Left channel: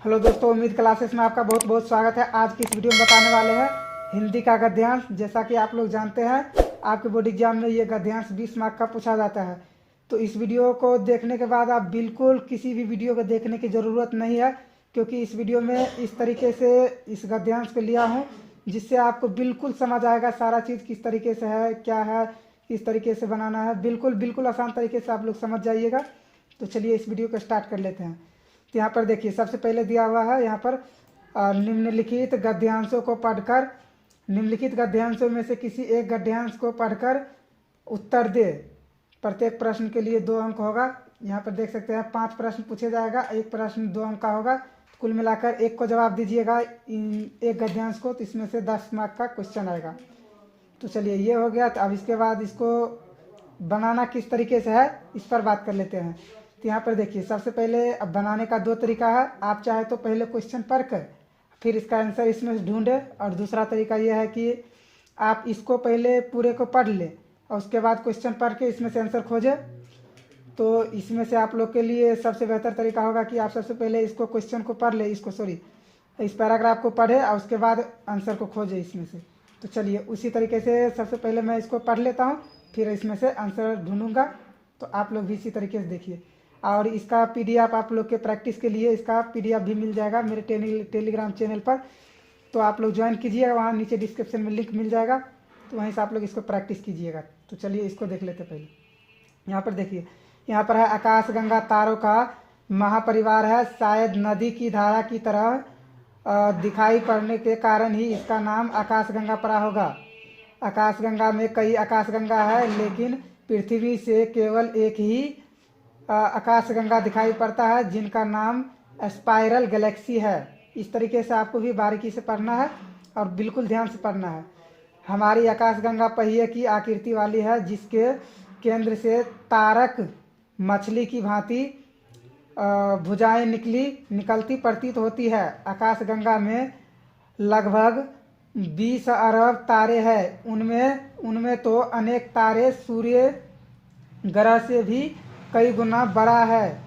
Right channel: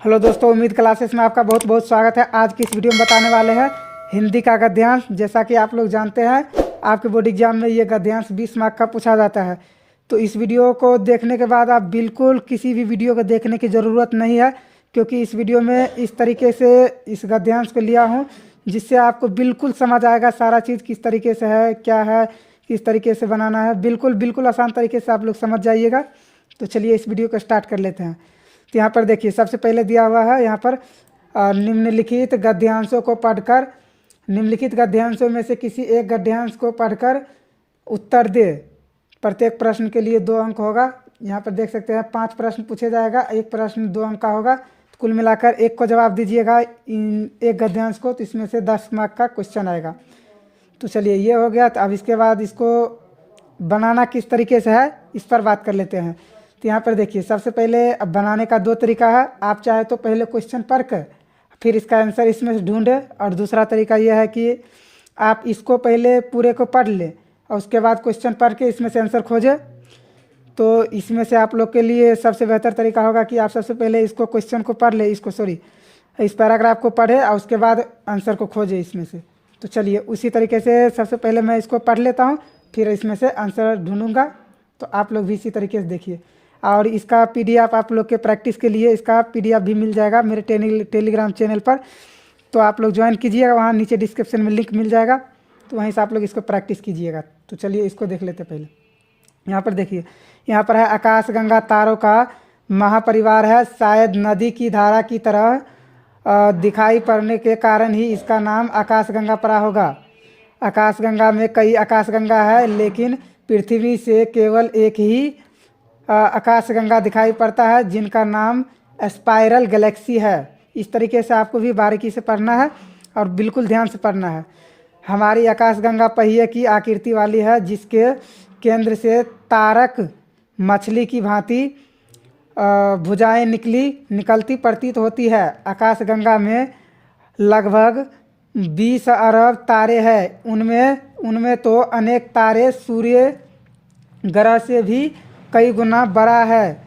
Hello दोस्तों, उम्मीद classes में आपका बहुत बहुत स्वागत है। आज की इस वीडियो में बताने वाले हैं हिंदी का गद्यांश। जैसा कि आप लोग जानते हैं, आपके बोर्ड एग्जाम में ये गद्यांश 20 मार्क का पूछा जाता है। तो इस वीडियो को देखने के बाद आप बिल्कुल किसी भी वीडियो को देखने की ज़रूरत नहीं है, क्योंकि इस वीडियो में इस तरीके से इस गद्यांश को लिया हूँ जिससे आपको बिल्कुल समझ आएगा सारा चीज़ किस तरीके से है, क्या है, किस तरीके से बनाना है। बिल्कुल बिल्कुल आसान तरीके से आप लोग समझ जाइएगा। तो चलिए इस वीडियो को स्टार्ट कर लेते हैं। तो यहाँ पर देखिए, सबसे पहले दिया हुआ है यहाँ पर निम्नलिखित गद्यांशों को पढ़कर, निम्नलिखित गद्यांशों में से किसी एक गद्यांश को पढ़कर उत्तर दे। प्रत्येक प्रश्न के लिए 2 अंक होगा। यहाँ पर देख सकते हैं 5 प्रश्न पूछे जाएगा, एक प्रश्न 2 अंक का होगा। तो कुल मिलाकर एक को जवाब दीजिएगा इन एक गद्यांश को, तो इसमें से 10 मार्क का क्वेश्चन आएगा। तो चलिए ये हो गया। तो अब इसके बाद इसको बनाना किस तरीके से है इस पर बात कर लेते हैं। तो यहाँ पर देखिए, सबसे पहले अब बनाने का 2 तरीका है। आप चाहे तो पहले क्वेश्चन पढ़ कर फिर इसका आंसर इसमें से ढूंढें, और दूसरा तरीका यह है कि आप इसको पहले पूरे को पढ़ लें और उसके बाद क्वेश्चन पढ़ के इसमें से आंसर खोजें। तो इसमें से आप लोग के लिए सबसे बेहतर तरीका होगा कि आप सबसे पहले इसको क्वेश्चन को पढ़ लें, इस पैराग्राफ को पढ़े और उसके बाद आंसर को खोजें इसमें से। तो चलिए उसी तरीके से सबसे पहले मैं इसको पढ़ लेता हूँ, फिर इसमें से आंसर ढूंढूंगा। तो आप लोग भी इसी तरीके से देखिए। और इसका पीडीएफ आप लोग के प्रैक्टिस के लिए इसका पीडीएफ भी मिल जाएगा मेरे टेलीग्राम चैनल पर। तो आप लोग ज्वाइन कीजिएगा, वहाँ नीचे डिस्क्रिप्शन में लिंक मिल जाएगा, तो वहीं से आप लोग इसको प्रैक्टिस कीजिएगा। तो चलिए इसको देख लेते पहले। यहाँ पर देखिए, यहाँ पर है आकाशगंगा तारों का महापरिवार है, शायद नदी की धारा की तरह दिखाई पड़ने के कारण ही इसका नाम आकाशगंगा पड़ा होगा। आकाशगंगा में कई आकाशगंगा है, लेकिन पृथ्वी से केवल एक ही आकाशगंगा दिखाई पड़ता है, जिनका नाम स्पाइरल गैलेक्सी है। इस तरीके से आपको भी बारीकी से पढ़ना है और बिल्कुल ध्यान से पढ़ना है। हमारी आकाशगंगा पहिए की आकृति वाली है, जिसके केंद्र से तारक मछली की भांति भुजाएं निकलती प्रतीत होती है। आकाशगंगा में लगभग 20 अरब तारे हैं। उनमें तो अनेक तारे सूर्य ग्रह से भी कई गुना बड़े हैं।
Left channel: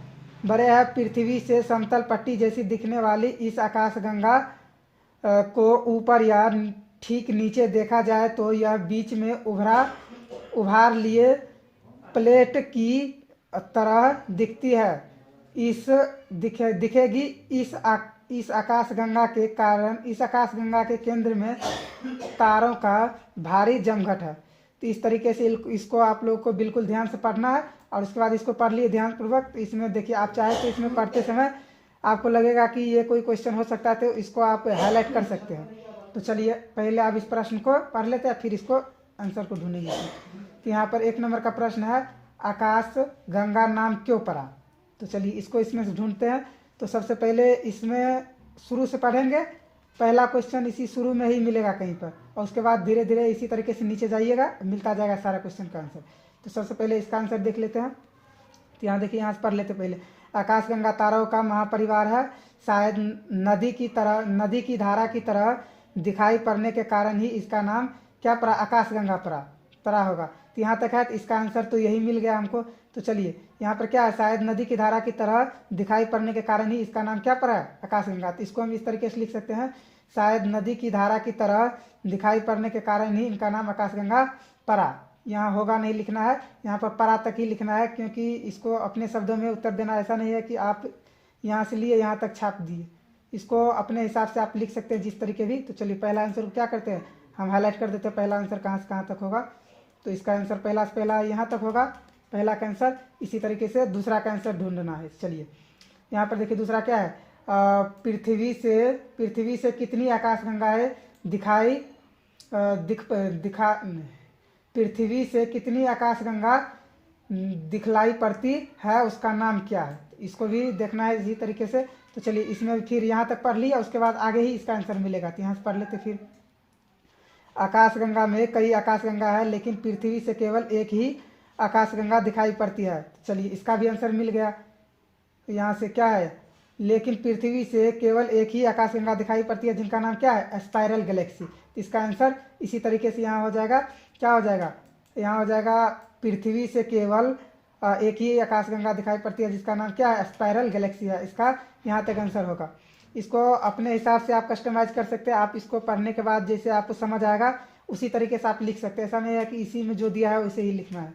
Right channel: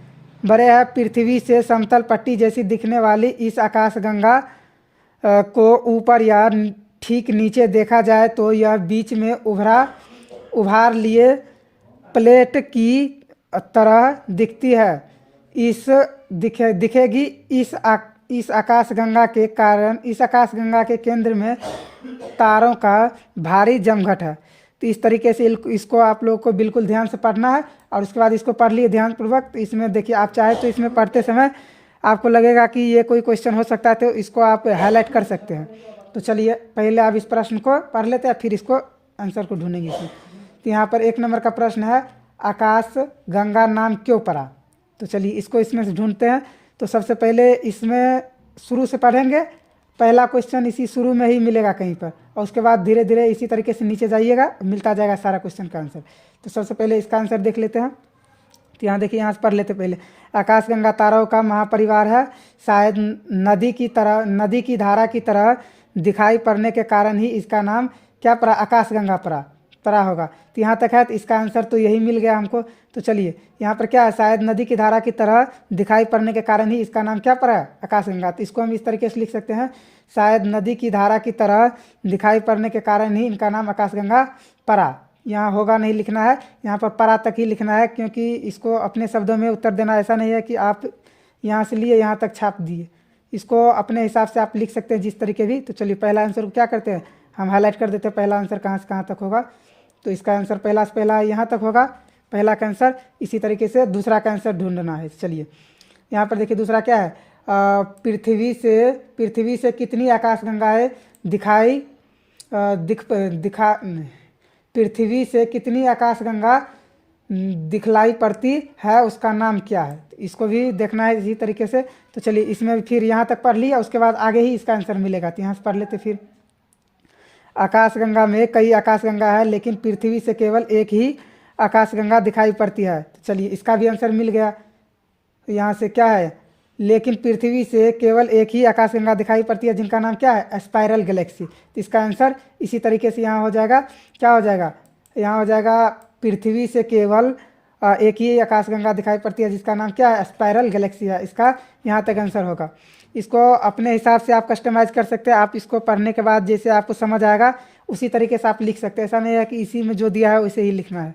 पृथ्वी से समतल पट्टी जैसी दिखने वाली इस आकाशगंगा को ऊपर या ठीक नीचे देखा जाए तो यह बीच में उभार लिए प्लेट की तरह दिखती है। दिखेगी। इस आकाशगंगा के केंद्र में तारों का भारी जमघट है। तो इस तरीके से इसको आप लोगों को बिल्कुल ध्यान से पढ़ना है, और उसके बाद इसको पढ़ लिए ध्यानपूर्वक। तो इसमें देखिए, आप चाहे तो इसमें पढ़ते समय आपको लगेगा कि ये कोई क्वेश्चन हो सकता है, तो इसको आप हाईलाइट कर सकते हैं। तो चलिए पहले आप इस प्रश्न को पढ़ लेते हैं, फिर इसको आंसर को ढूंढेंगे इसमें। तो यहाँ पर 1 नंबर का प्रश्न है, आकाश गंगा नाम क्यों पड़ा। तो चलिए इसको इसमें से ढूंढते हैं। तो सबसे पहले इसमें शुरू से पढ़ेंगे, पहला क्वेश्चन इसी शुरू में ही मिलेगा कहीं पर, और उसके बाद धीरे धीरे इसी तरीके से नीचे जाइएगा, मिलता जाएगा सारा क्वेश्चन का आंसर। तो सबसे पहले इसका आंसर देख लेते हैं। तो यहाँ देखिए, यहाँ से पढ़ लेते पहले। आकाशगंगा तारों का महापरिवार है, शायद नदी की धारा की तरह दिखाई पड़ने के कारण ही इसका नाम क्या पड़ा, आकाशगंगा पड़ा होगा। तो यहाँ तक है, तो इसका आंसर तो यही मिल गया हमको। तो चलिए यहाँ पर क्या है, शायद नदी की धारा की तरह दिखाई पड़ने के कारण ही इसका नाम क्या पड़ा, आकाशगंगा। तो इसको हम इस तरीके से लिख सकते हैं, शायद नदी की धारा की तरह दिखाई पड़ने के कारण ही इनका नाम आकाशगंगा पड़ा। यहाँ होगा नहीं लिखना है, यहाँ पर परा तक ही लिखना है, क्योंकि इसको अपने शब्दों में उत्तर देना ऐसा नहीं है कि आप यहाँ से लिए यहाँ तक छाप दिए। इसको अपने हिसाब से आप लिख सकते हैं जिस तरीके भी। तो चलिए पहला आंसर को क्या करते हैं, हम हाईलाइट कर देते हैं पहला आंसर कहाँ से कहाँ तक होगा। तो इसका आंसर पहला से पहला यहाँ तक होगा, पहला का आंसर। इसी तरीके से दूसरा का आंसर ढूंढना है। चलिए यहाँ पर देखिए, दूसरा क्या है, पृथ्वी से कितनी आकाशगंगाएं पृथ्वी से कितनी आकाशगंगा दिखलाई पड़ती है, उसका नाम क्या है। इसको भी देखना है इसी तरीके से। तो चलिए इसमें फिर यहाँ तक पढ़ लिया, उसके बाद आगे ही इसका आंसर मिलेगा। तो यहाँ से पढ़ लेते फिर। आकाशगंगा में कई आकाशगंगा है, लेकिन पृथ्वी से केवल एक ही आकाशगंगा दिखाई पड़ती है। तो चलिए इसका भी आंसर मिल गया। तो यहाँ से क्या है, लेकिन पृथ्वी से केवल एक ही आकाशगंगा दिखाई पड़ती है, जिनका नाम क्या है, स्पाइरल गैलेक्सी। तो इसका आंसर इसी तरीके से यहाँ हो जाएगा, क्या हो जाएगा, यहाँ हो जाएगा पृथ्वी से केवल एक ही आकाशगंगा दिखाई पड़ती है जिसका नाम क्या है, स्पाइरल गैलेक्सी है। इसका यहाँ तक आंसर होगा। इसको अपने हिसाब से आप कस्टमाइज कर सकते हैं। आप इसको पढ़ने के बाद जैसे आपको समझ आएगा उसी तरीके से आप लिख सकते हैं। ऐसा नहीं है कि इसी में जो दिया है वैसे ही लिखना है।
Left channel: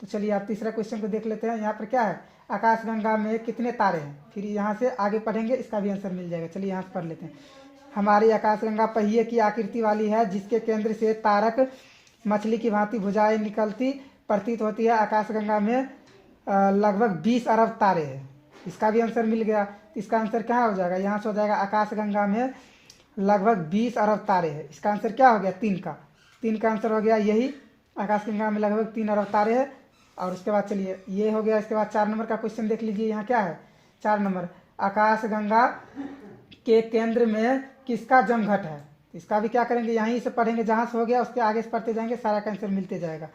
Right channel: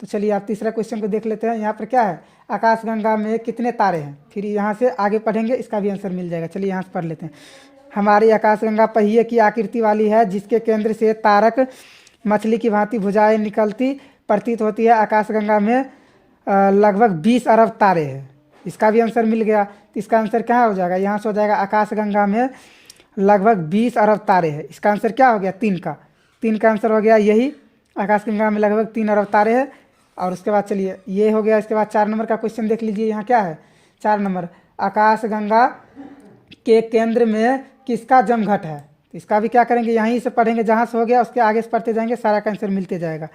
तो चलिए आप तीसरा क्वेश्चन को देख लेते हैं। यहाँ पर क्या है, आकाशगंगा में कितने तारे हैं। फिर यहाँ से आगे पढ़ेंगे, इसका भी आंसर मिल जाएगा। चलिए यहाँ से पढ़ लेते हैं। हमारी आकाशगंगा पहिए की आकृति वाली है, जिसके केंद्र से तारक मछली की भांति भुजाएं निकलती प्रतीत होती है। आकाशगंगा में लगभग 20 अरब तारे हैं। इसका भी आंसर मिल गया। तो इसका आंसर क्या हो जाएगा, यहाँ से हो जाएगा आकाशगंगा में लगभग 20 अरब तारे हैं। इसका आंसर क्या हो गया, 3 का आंसर हो गया यही। आकाशगंगा में लगभग 3 अरब तारे हैं। और उसके बाद चलिए ये हो गया। इसके बाद 4 नंबर का क्वेश्चन देख लीजिए। यहाँ क्या है, 4 नंबर, आकाशगंगा के केंद्र में किसका जमघट है। इसका भी क्या करेंगे, यहीं से पढ़ेंगे, जहाँ से हो गया उसके आगे से पढ़ते जाएंगे, सारा का आंसर मिलते जाएगा।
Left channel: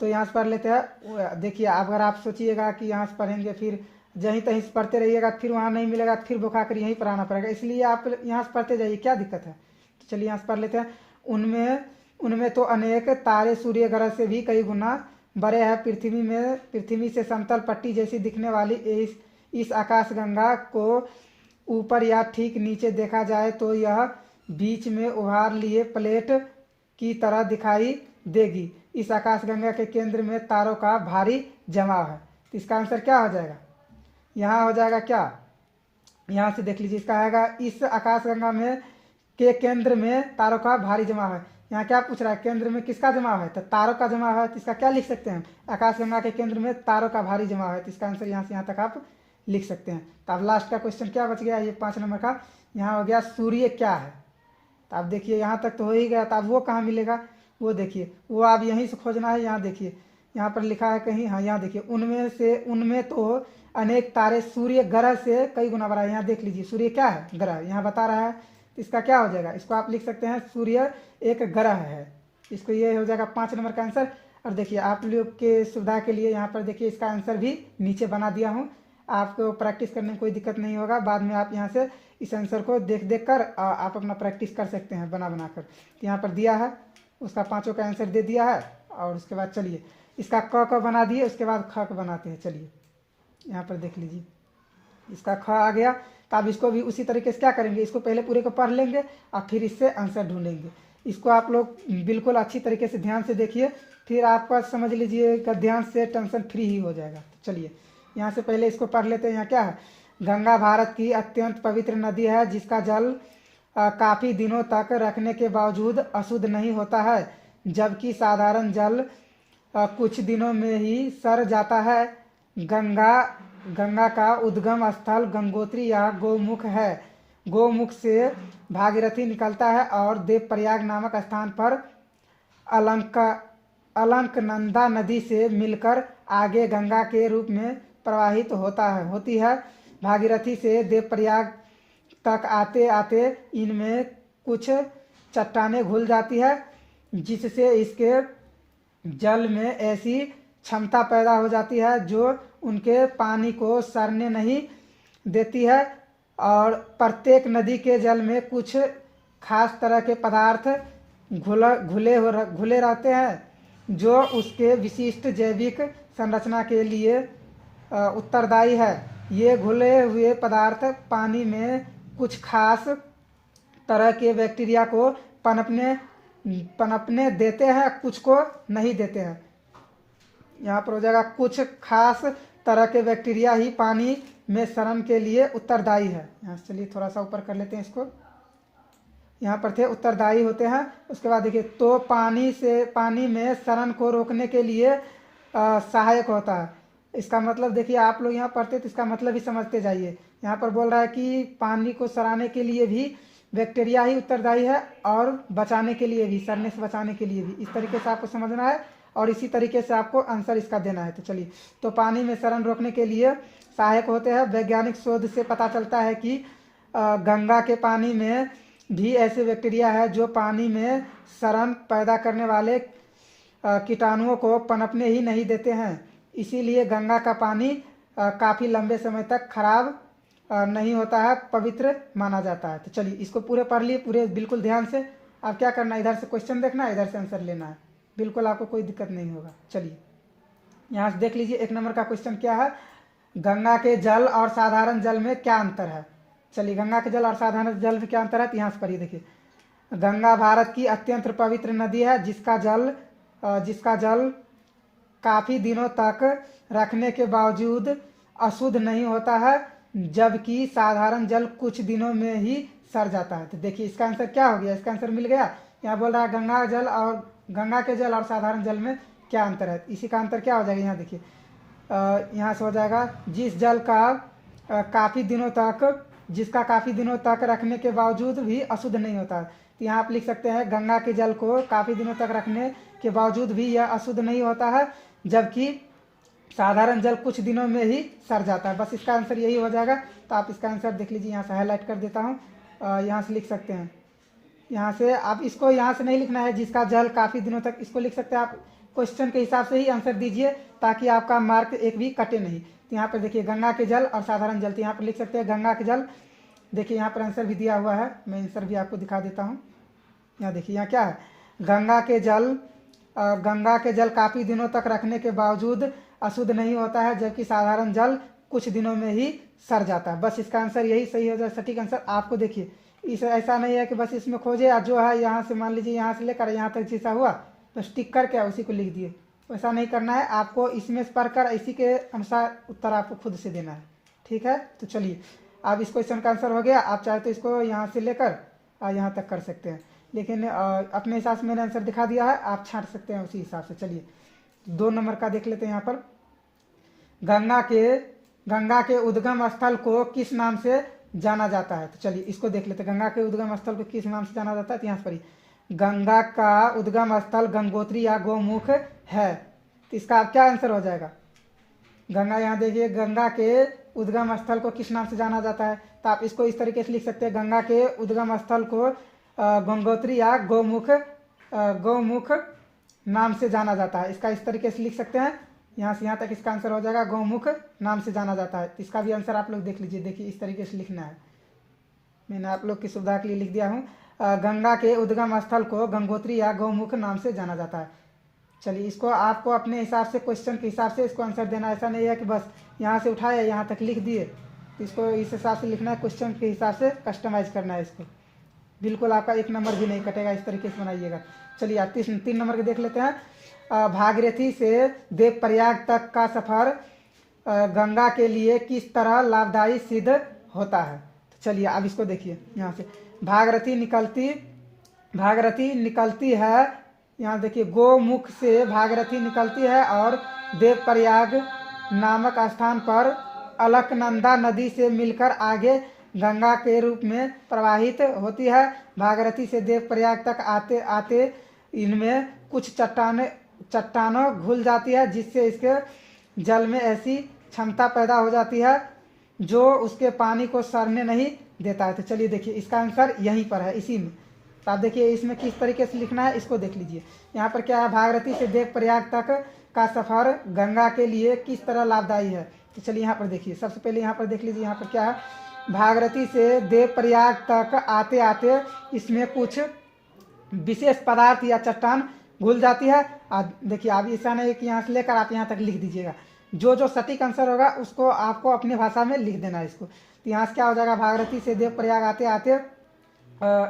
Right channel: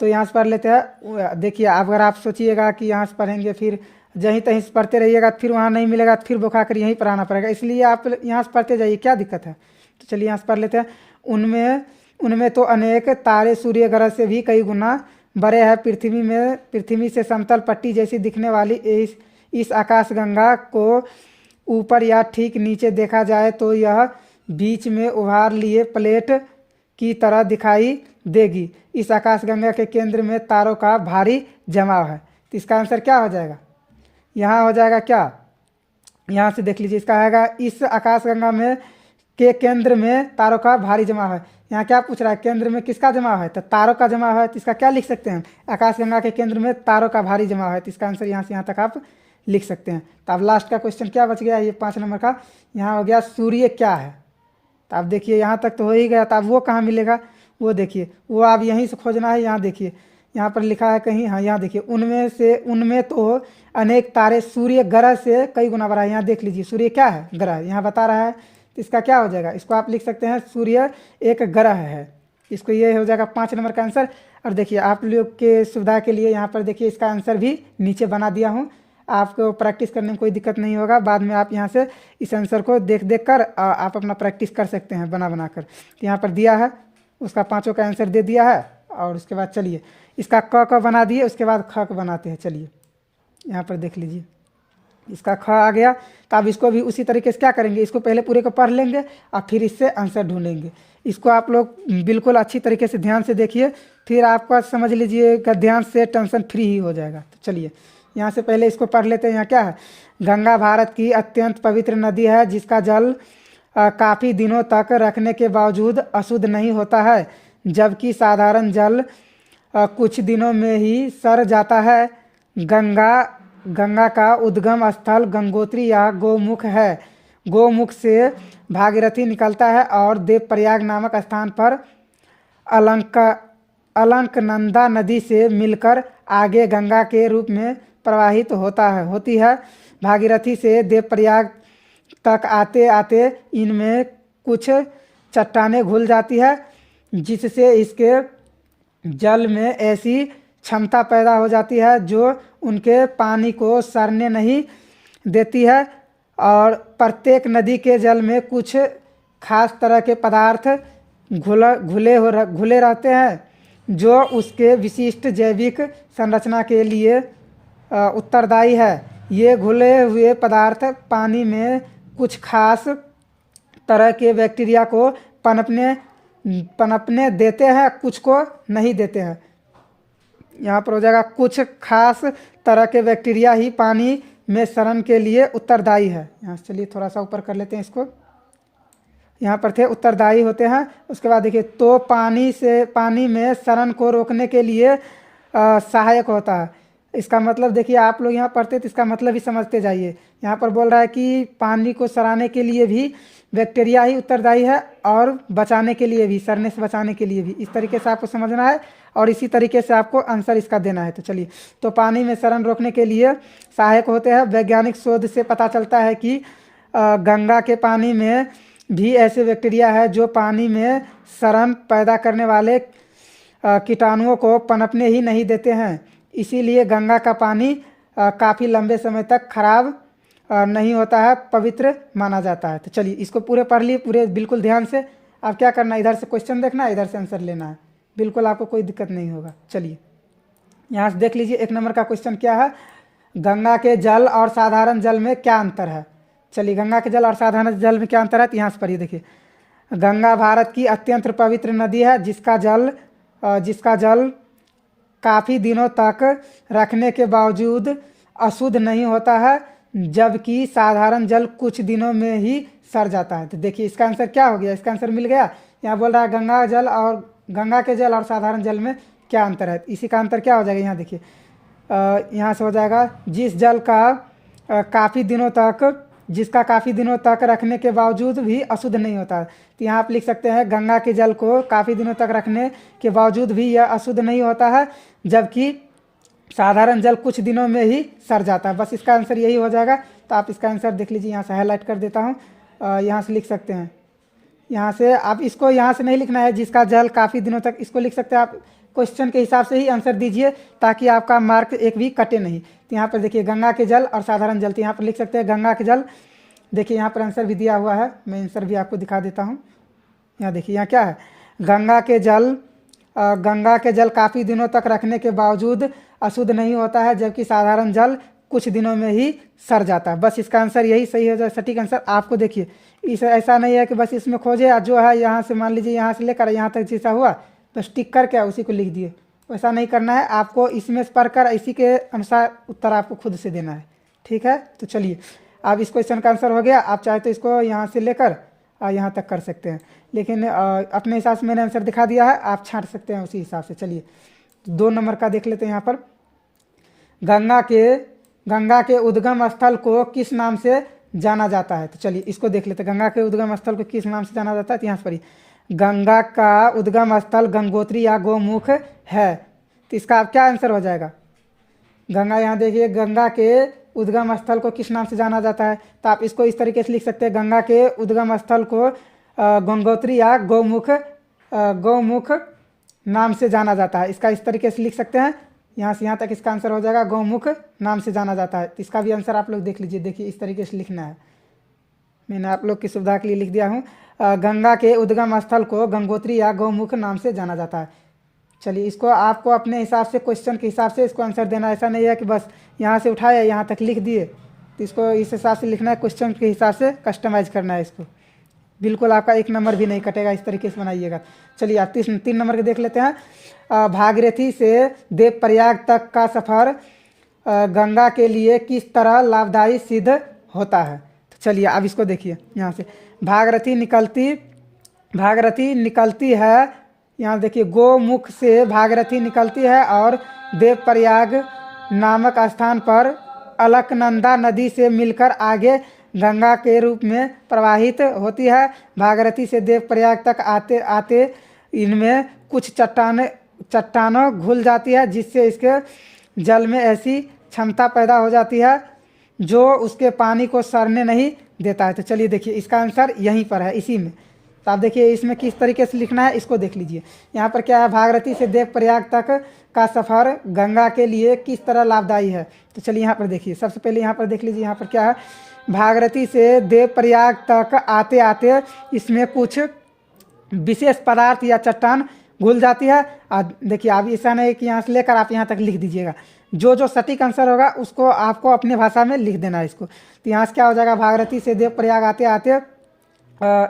तो यहाँ से पढ़ लेते हैं। देखिए अगर आप सोचिएगा कि यहाँ से पढ़ेंगे फिर जहीं तहीं से पढ़ते रहिएगा, फिर वहाँ नहीं मिलेगा तो फिर बुखा कर यहीं पर आना पड़ेगा। इसलिए आप यहाँ से पढ़ते जाइए, क्या दिक्कत है। तो चलिए यहाँ से पढ़ लेते हैं। उनमें तो अनेक तारे सूर्य ग्रह से भी कई गुना बड़े हैं। पृथ्वी से समतल पट्टी जैसी दिखने वाली इस आकाशगंगा को ऊपर या ठीक नीचे देखा जाए तो यह बीच में उभार लिए प्लेट की तरह दिखाई देगी। इस आकाशगंगा के केंद्र में तारों का भारी जमाव है। तो इसका आंसर क्या हो जाएगा, यहाँ हो जाएगा क्या, यहाँ से देख लीजिए। इसका आएगा इस आकाशगंगा में के केंद्र में तारों का भारी जमाव है। यहाँ क्या पूछ रहा है, केंद्र में किसका जमाव है, तो तारों का जमाव है। तो इसका क्या लिख सकते हैं, आकाशगंगा के केंद्र में तारों का भारी जमाव है। तो इसका आंसर यहाँ से यहाँ तक आप लिख सकते हैं। तो अब लास्ट का क्वेश्चन क्या बच गया, ये 5 नंबर का। यहाँ हो गया सूर्य क्या है। तो आप देखिए यहाँ तक तो हो ही गया। तो अब वो कहाँ मिलेगा, वो देखिए, वो आप यहीं से खोजना है। यहाँ देखिए, यहाँ पर लिखा है कहीं, हाँ यहाँ देखिए, उनमें तो अनेक तारे सूर्य ग्रह से कई गुना बड़ा है। यहाँ देख लीजिए, सूर्य क्या है, ग्रह, यहाँ बता रहा है। तो इसका क्या हो जाएगा, इसको आप लिख सकते हैं सूर्य एक ग्रह है। इसको ये हो जाएगा 5 नंबर का आंसर। और देखिए आप लोग के सुविधा के लिए यहाँ पर देखिए इसका आंसर भी नीचे बना दिया हूँ। आपको प्रैक्टिस करने में कोई दिक्कत नहीं होगा। बाद में आप यहाँ से इस आंसर को देख कर आप अपना प्रैक्टिस कर सकते हैं बना कर। यहाँ पर दिया है, उसका 5 का आंसर दे दिया है। और उसके बाद चलिए इसका क बना दिए, उसके बाद ख बनाते हैं। चलिए यहाँ पर देख लीजिए, इसका ख आ गया। तो आप इसको भी उसी तरीके से क्या करेंगे, इसको पहले पूरे को पढ़ लेंगे और फिर इससे आंसर ढूंढेंगे। इसको आप लोग बिल्कुल अच्छी तरीके से ध्यान से देखिए, फिर आपका समझ लीजिएगा ध्यान से टेंशन फ्री ही हो जाएगा। तो चलिए यहाँ से पहले इसको पढ़ लेते हैं। यहाँ क्या है, गंगा भारत की अत्यंत पवित्र नदी है, जिसका जल काफ़ी दिनों तक रखने के बावजूद अशुद्ध नहीं होता है, जबकि साधारण जल कुछ दिनों में ही सड़ जाता है। गंगा का उद्गम स्थल गंगोत्री या गोमुख है। गोमुख से भागीरथी निकलता है और देवप्रयाग नामक स्थान पर अलकनंदा नदी से मिलकर आगे गंगा के रूप में प्रवाहित होती है। भागीरथी से देवप्रयाग तक आते आते इनमें कुछ चट्टानें घुल जाती है, जिससे इसके जल में ऐसी क्षमता पैदा हो जाती है जो उनके पानी को सड़ने नहीं देती है। और प्रत्येक नदी के जल में कुछ खास तरह के पदार्थ घुले रहते हैं, जो उसके विशिष्ट जैविक संरचना के लिए उत्तरदायी है। ये घुले हुए पदार्थ पानी में कुछ खास तरह के बैक्टीरिया को पनपने देते हैं, कुछ को नहीं देते हैं। यहाँ पर हो जाएगा कुछ खास तरह के बैक्टीरिया ही पानी में सड़न के लिए उत्तरदायी है। यहाँ से चलिए थोड़ा सा ऊपर कर लेते हैं इसको। यहाँ पर थे उत्तरदायी होते हैं। उसके बाद देखिए, तो पानी में सड़न को रोकने के लिए सहायक होता है। इसका मतलब देखिए, आप लोग यहाँ पढ़ते तो इसका मतलब ही समझते जाइए। यहाँ पर बोल रहा है कि पानी को सड़ाने के लिए भी बैक्टीरिया ही उत्तरदायी है, और बचाने के लिए भी, सड़ने से बचाने के लिए भी। इस तरीके से आपको समझना है और इसी तरीके से आपको आंसर इसका देना है। तो चलिए, तो पानी में सड़न रोकने के लिए सहायक होते हैं। वैज्ञानिक शोध से पता चलता है कि गंगा के पानी में भी ऐसे बैक्टीरिया है जो पानी में सड़न पैदा करने वाले कीटाणुओं को पनपने ही नहीं देते हैं। इसीलिए गंगा का पानी काफ़ी लंबे समय तक खराब नहीं होता है, पवित्र माना जाता है। तो चलिए इसको पूरे पढ़ लिए, पूरे बिल्कुल ध्यान से। अब क्या करना है, इधर से क्वेश्चन देखना है, इधर से आंसर लेना है। बिल्कुल आपको कोई दिक्कत नहीं होगा। चलिए यहाँ से देख लीजिए 1 नंबर का क्वेश्चन क्या है, गंगा के जल और साधारण जल में क्या अंतर है। चलिए गंगा के जल और साधारण जल में क्या अंतर है, तो यहाँ से पढ़िए। देखिए, गंगा भारत की अत्यंत पवित्र नदी है जिसका जल काफ़ी दिनों तक रखने के बावजूद अशुद्ध नहीं होता है, जबकि साधारण जल कुछ दिनों में ही सड़ जाता है। तो देखिए इसका आंसर क्या हो गया, इसका आंसर मिल गया। यहाँ बोल रहा है गंगा के जल और साधारण जल में क्या अंतर है। इसी का अंतर क्या हो जाएगा, यहाँ देखिए, यहाँ से हो जाएगा जिस जल का काफ़ी दिनों तक रखने के बावजूद भी अशुद्ध नहीं होता है। तो यहाँ आप लिख सकते हैं गंगा के जल को काफ़ी दिनों तक रखने के बावजूद भी यह अशुद्ध नहीं होता है, जबकि साधारण जल कुछ दिनों में ही सड़ जाता है। बस इसका आंसर यही हो जाएगा। तो आप इसका आंसर देख लीजिए, यहाँ से हाईलाइट कर देता हूँ, यहाँ से लिख सकते हैं। यहाँ से आप इसको यहाँ से नहीं लिखना है जिसका जल काफ़ी दिनों तक, इसको लिख सकते हैं आप क्वेश्चन के हिसाब से ही आंसर दीजिए, ताकि आपका मार्क एक भी कटे नहीं। तो यहाँ पर देखिए गंगा के जल और साधारण जल, तो यहाँ पर लिख सकते हैं गंगा के जल। देखिए यहाँ पर आंसर भी दिया हुआ है, मैं आंसर भी आपको दिखा देता हूँ। यहाँ देखिए, यहाँ क्या है, गंगा के जल काफ़ी दिनों तक रखने के बावजूद अशुद्ध नहीं होता है, जबकि साधारण जल कुछ दिनों में ही सड़ जाता है। बस इसका आंसर यही सही हो जाए, सटीक आंसर। आपको देखिए ऐसा नहीं है कि बस इसमें खोजे, जो है यहाँ से मान लीजिए यहाँ से लेकर यहाँ तक जैसा हुआ तो टिक करके उसी को लिख दिए, वैसा नहीं करना है। आपको इसमें से पढ़कर इसी के अनुसार उत्तर आपको खुद से देना है, ठीक है। तो चलिए, अब इस क्वेश्चन का आंसर हो गया। आप चाहे तो इसको यहाँ से लेकर यहाँ तक कर सकते हैं, लेकिन अपने हिसाब से मैंने आंसर दिखा दिया है, आप छांट सकते हैं उसी हिसाब से। चलिए 2 नंबर का देख लेते हैं। यहाँ पर गंगा के उद्गम स्थल को किस नाम से जाना जाता है। तो चलिए इसको देख लेते हैं, गंगा के उद्गम स्थल को किस नाम से जाना जाता है। तो यहाँ से पढ़िए, गंगा का उद्गम स्थल गंगोत्री या गोमुख है। तो इसका अब क्या आंसर हो जाएगा, गंगा, यहाँ देखिए गंगा के उद्गम स्थल को किस नाम से जाना जाता है। तो आप इसको इस तरीके से लिख सकते हैं, गंगा के उद्गम स्थल को गंगोत्री या गौमुख नाम से जाना जाता है। इसका इस तरीके से लिख सकते हैं, यहाँ से यहाँ तक इसका आंसर हो जाएगा, गौमुख नाम से जाना जाता है। तो इसका भी आंसर आप लोग देख लीजिए। देखिए इस तरीके से लिखना है, मैंने आप लोग की सुविधा के लिए लिख दिया हूँ, गंगा के उद्गम स्थल को गंगोत्री या गौमुख नाम से जाना जाता है। चलिए इसको आपको अपने हिसाब से, क्वेश्चन के हिसाब से इसको आंसर देना। ऐसा नहीं है कि बस यहाँ से उठाए यहाँ तक लिख दिए, तो इसको इस हिसाब से लिखना है, क्वेश्चन के हिसाब से कस्टमाइज करना है इसको। बिल्कुल आपका 1 नंबर भी नहीं कटेगा, इस तरीके से बनाइएगा। चलिए आप 3 नंबर के देख लेते हैं। भागीरथी से देवप्रयाग तक का सफ़र गंगा के लिए किस तरह लाभदायी सिद्ध होता है। तो चलिए अब इसको देखिए, यहाँ से भागीरथी निकलती है, यहाँ देखिए गोमुख से भागीरथी निकलती है और देवप्रयाग नामक स्थान पर अलकनंदा नदी से मिलकर आगे गंगा के रूप में प्रवाहित होती है। भागीरथी से देवप्रयाग तक आते आते इनमें कुछ चट्टानों घुल जाती है, जिससे इसके जल में ऐसी क्षमता पैदा हो जाती है जो उसके पानी को सड़ने नहीं देता है। तो चलिए देखिए इसका आंसर यहीं पर है, इसी में। तो आप देखिए इसमें किस तरीके से लिखना है, इसको देख लीजिए। यहाँ पर क्या है, भागीरथी से देवप्रयाग तक का सफ़र गंगा के लिए किस तरह लाभदायी है। तो चलिए यहाँ पर देखिए, सबसे पहले यहाँ पर देख लीजिए, यहाँ पर क्या है, भागीरथी से देवप्रयाग तक आते आते इसमें कुछ विशेष पदार्थ या चट्टान घुल जाती है। और देखिए अब ऐसा नहीं कि यहाँ से लेकर आप यहाँ तक लिख दीजिएगा, जो सटीक आंसर होगा उसको आपको अपने भाषा में लिख देना है इसको। तो यहाँ से क्या हो जाएगा, भागीरथी से देवप्रयाग आते आते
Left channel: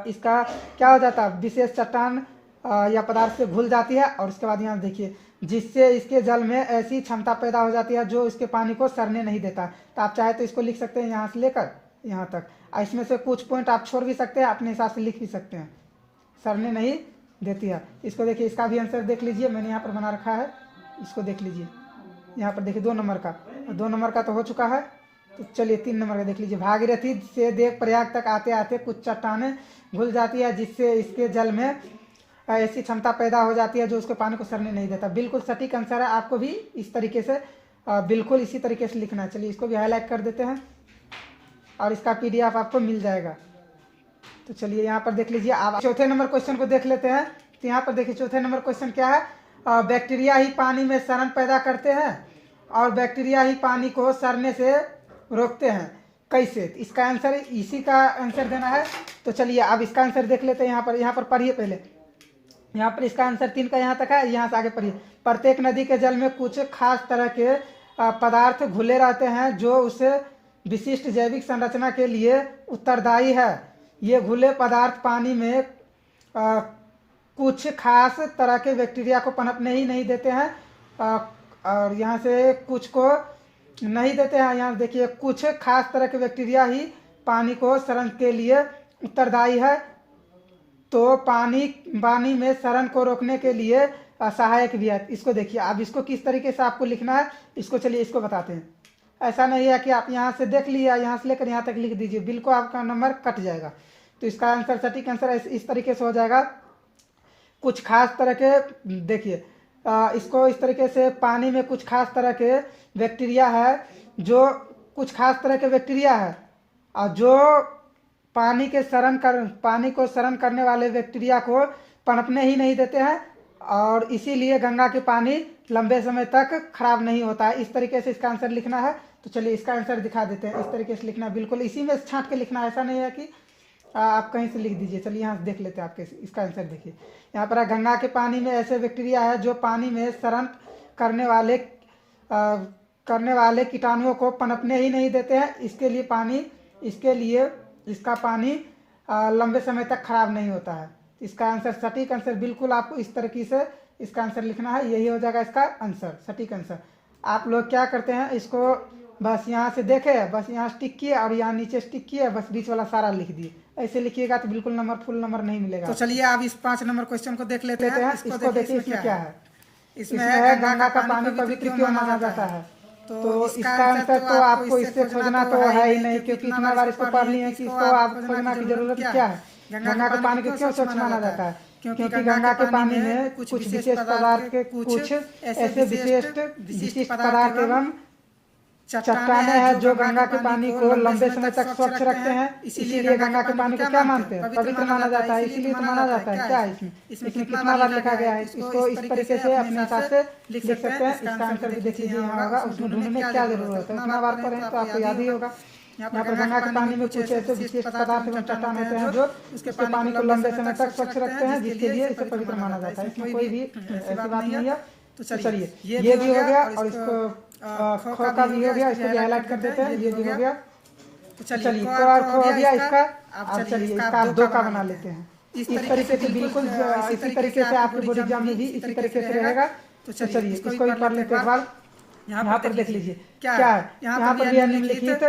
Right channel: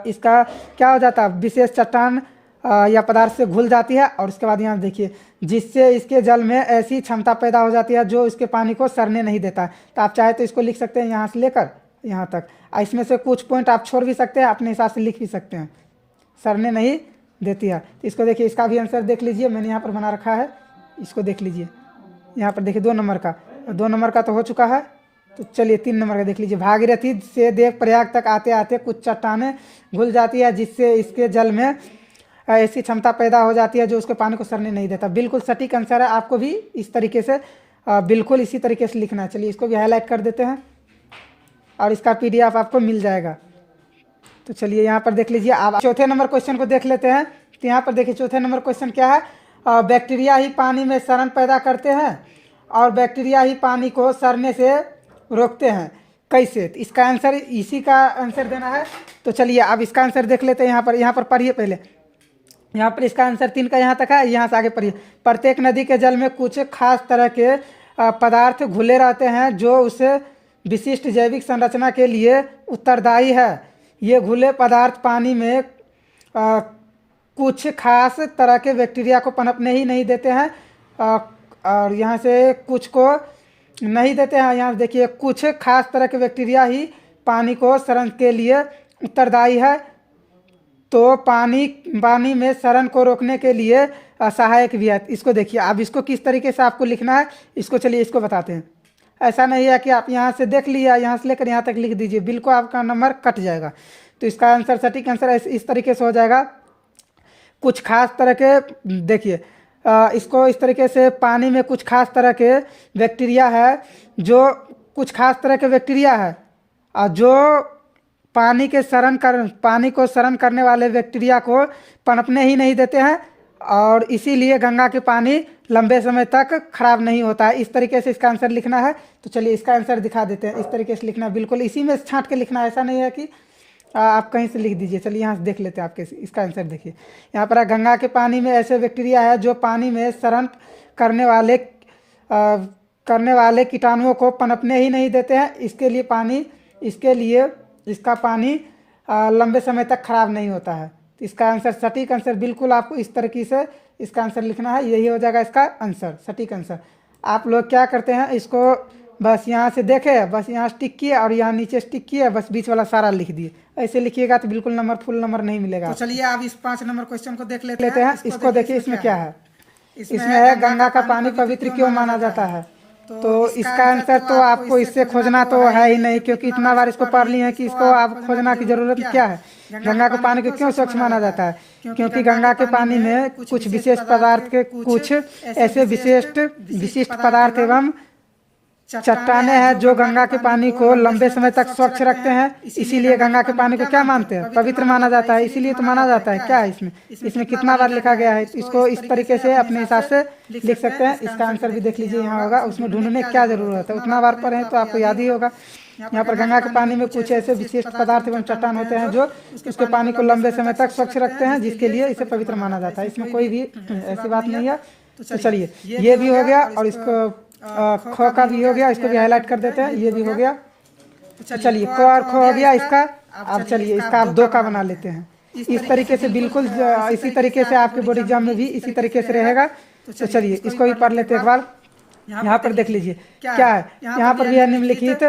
इसका क्या हो जाता है, विशेष चट्टान या पदार्थ से घुल जाती है। और उसके बाद यहाँ देखिए, जिससे इसके जल में ऐसी क्षमता पैदा हो जाती है जो इसके पानी को सड़ने नहीं देता। तो आप चाहे तो इसको लिख सकते हैं यहाँ से लेकर यहाँ तक। इसमें से कुछ पॉइंट आप छोड़ भी सकते हैं, अपने हिसाब से लिख भी सकते हैं, सड़ने नहीं देती है। इसको देखिए, इसका भी आंसर देख लीजिए, मैंने यहाँ पर बना रखा है, इसको देख लीजिए। यहाँ पर देखिए 2 नंबर का तो हो चुका है। तो चलिए 3 नंबर का देख लीजिए, भागीरथी से देवप्रयाग तक आते आते कुछ चट्टानें घुल जाती है, जिससे इसके जल में ऐसी क्षमता पैदा हो जाती है जो उसके पानी को सड़ने नहीं देता। बिल्कुल सटीक आंसर है, आपको भी इस तरीके से बिल्कुल इसी तरीके से लिखना है। चलिए इसको भी हाईलाइट कर देते हैं और इसका PDF आपको मिल जाएगा। तो चलिए यहाँ पर देख लीजिए। अब चौथे नंबर क्वेश्चन को देख लेते हैं। तो यहाँ पर देखिए चौथे नंबर क्वेश्चन क्या है, बैक्टीरिया ही पानी में सड़न पैदा करते हैं और बैक्टीरिया ही पानी को सड़ने से रोकते हैं, कैसे। तो इसका आंसर, इसी का आंसर देना है। तो चलिए अब इसका आंसर देख लेते हैं। यहाँ पर पढ़िए पहले, यहाँ पर इसका आंसर 3 का यहाँ तक है। यहाँ से आगे पढ़िए। प्रत्येक नदी के जल में कुछ खास तरह के पदार्थ घुले रहते हैं जो उसे विशिष्ट जैविक संरचना के लिए उत्तरदायी है। ये घुले पदार्थ पानी में कुछ खास तरह के बैक्टीरिया को पनपने ही नहीं देते हैं, और यहाँ से कुछ को नहीं देते हैं। यहाँ देखिए, कुछ खास तरह के बैक्टीरिया ही पानी को सड़न के लिए उत्तरदायी है। तो पानी में सड़न को रोकने के लिए सहायक भी है। इसको देखिए, अब इसको किस तरीके से आपको लिखना है, इसको चलिए इसको बताते हैं। ऐसा नहीं है कि आप यहाँ से देख लिया, यहाँ से लेकर यहाँ तक लिख दीजिए, बिल्कुल आपका नंबर कट जाएगा। तो इसका आंसर, सटीक आंसर इस तरीके से हो जाएगा। कुछ खास तरह के, देखिए इसको इस तरीके से, पानी में कुछ खास तरह के बैक्टीरिया है, जो कुछ खास तरह के बैक्टीरिया है और जो पानी को सड़न करने वाले बैक्टीरिया को पनपने ही नहीं देते हैं, और इसीलिए गंगा के पानी लंबे समय तक खराब नहीं होता है। इस तरीके से इसका आंसर लिखना है। तो चलिए इसका आंसर दिखा देते हैं। इस तरीके से लिखना, बिल्कुल इसी में छांट के लिखना है, ऐसा नहीं है कि आप कहीं से लिख दीजिए। चलिए यहाँ से देख लेते हैं आपके इसका आंसर। देखिए यहाँ पर गंगा के पानी में ऐसे बैक्टीरिया है जो पानी में सड़न करने वाले कीटाणुओं को पनपने ही नहीं देते हैं। इसके लिए इसका पानी लंबे समय तक खराब नहीं होता है। तो इसका आंसर, सटीक आंसर, बिल्कुल आपको इस तरीके से इसका आंसर लिखना है। यही हो जाएगा इसका आंसर, सटीक आंसर। आप लोग क्या करते हैं, इसको बस यहाँ से देखे, बस यहाँ स्टिक किए और यहाँ नीचे स्टिक किए, बस बीच वाला सारा लिख दिए। ऐसे लिखिएगा तो बिल्कुल नंबर, फुल नंबर नहीं मिलेगा। तो चलिए आप इस 5 नंबर क्वेश्चन को देख लेते हैं। इसको देखिए, इसमें क्या है। इसमें है गंगा का पानी पवित्र क्यों माना जाता है। तो इसका आंसर तो आपको इससे खोजना तो है ही नहीं, क्योंकि इतना बार इसको पढ़ लिए हैं कि इसको आप खोजना की जरूरत क्या है। गंगा के पानी को क्यों स्वच्छ माना जाता है, क्योंकि गंगा के पानी में कुछ विशेष पदार्थ के, कुछ ऐसे विशिष्ट पदार्थ एवं चट्टाने हैं जो गंगा के पानी को लंबे समय तक स्वच्छ रखते हैं। इसीलिए गंगा के पानी को क्या मानते हैं, पवित्र माना जाता है। इसीलिए तो माना जाता है। क्या है इसमें कितना बार लिखा गया है, इसको इस तरीके से अपने हिसाब से लिख सकते हैं। इसका आंसर भी देख लीजिए, यहाँ होगा। उसमें ढूंढने की क्या जरूरत है, उतना बार पढ़े तो आपको याद ही होगा। यहाँ पर गंगा के पानी में कुछ ऐसे विशेष पदार्थ एवं चट्टान होते हैं जो उसके पानी को लंबे समय तक स्वच्छ रखते हैं, जिसके लिए इसे पवित्र माना जाता है। इसमें कोई भी ऐसी बात नहीं है। तो चलिए ये भी हो गया, और इसको ख का भी हो गया, इसको भी हाईलाइट कर देते हैं। ये भी हो गया। तो चलिए क और ख हो गया इसका। अब चलिए इसका आप 2 का बना लेते हैं। इस तरीके से, बिल्कुल इसी तरीके से आपके बोर्ड एग्जाम में भी इसी तरीके से रहेगा। तो चलिए इसको भी पढ़ लेते हैं एक बार। यहाँ पर देख लीजिए क्या है। यहाँ पर भी निम्नलिखित,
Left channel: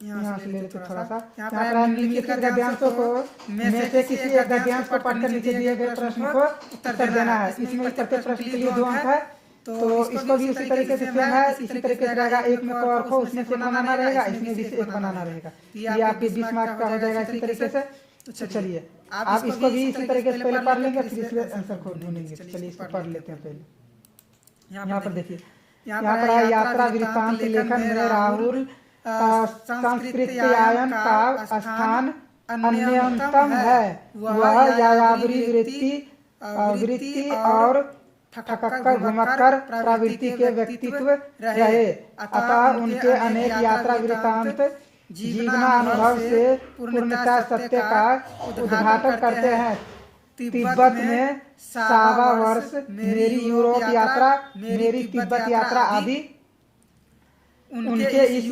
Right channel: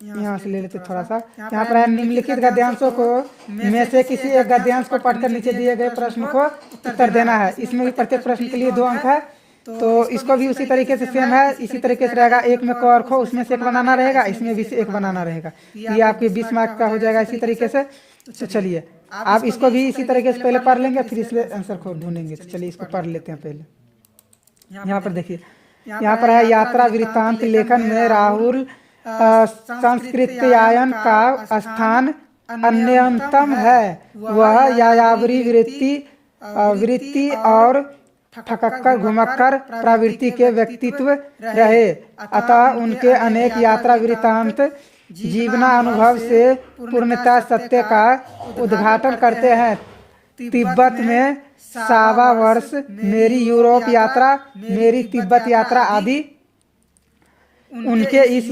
यहाँ से ले लेते थोड़ा सा। यहाँ पर निम्नलिखित गद्यांशों को में से किसी एक गद्यांश को पढ़कर नीचे दिए गए प्रश्न को उत्तर देना है। इसमें प्रत्येक प्रश्न के लिए 2 अंक है। तो इसको भी उसी तरीके से सेम है, इसी तरीके से रहेगा। एक में क और ख, उसमें से एक बनाना रहेगा, इसमें भी से एक बनाना रहेगा। ये आपके 20 मार्क का हो जाएगा इसी तरीके से। तो चलिए आप इसको भी इसी तरीके से पहले पढ़ लेंगे, फिर इसमें आंसर को ढूंढेंगे। तो चलिए इसको पढ़ लेते हैं पहले। यहाँ पर देखिए, यहाँ पर है यात्रा वृत्तांत लेखन में राहुल संस्कृत्यायन का स्थान अन्यतम है। वह यायावरी वृत्ति और ठक्कर घुमक्कर प्रवृत्ति के व्यक्तित्व रहे, अतः उनके अनेक यात्रा वृत्तांत जीवनानुभव से पूर्णतः सत्य का उद्घाटन करते हैं। तिब्बत में 125 वर्ष, मेरी यूरोप यात्रा, मेरी तिब्बत यात्रा आदि उनके इस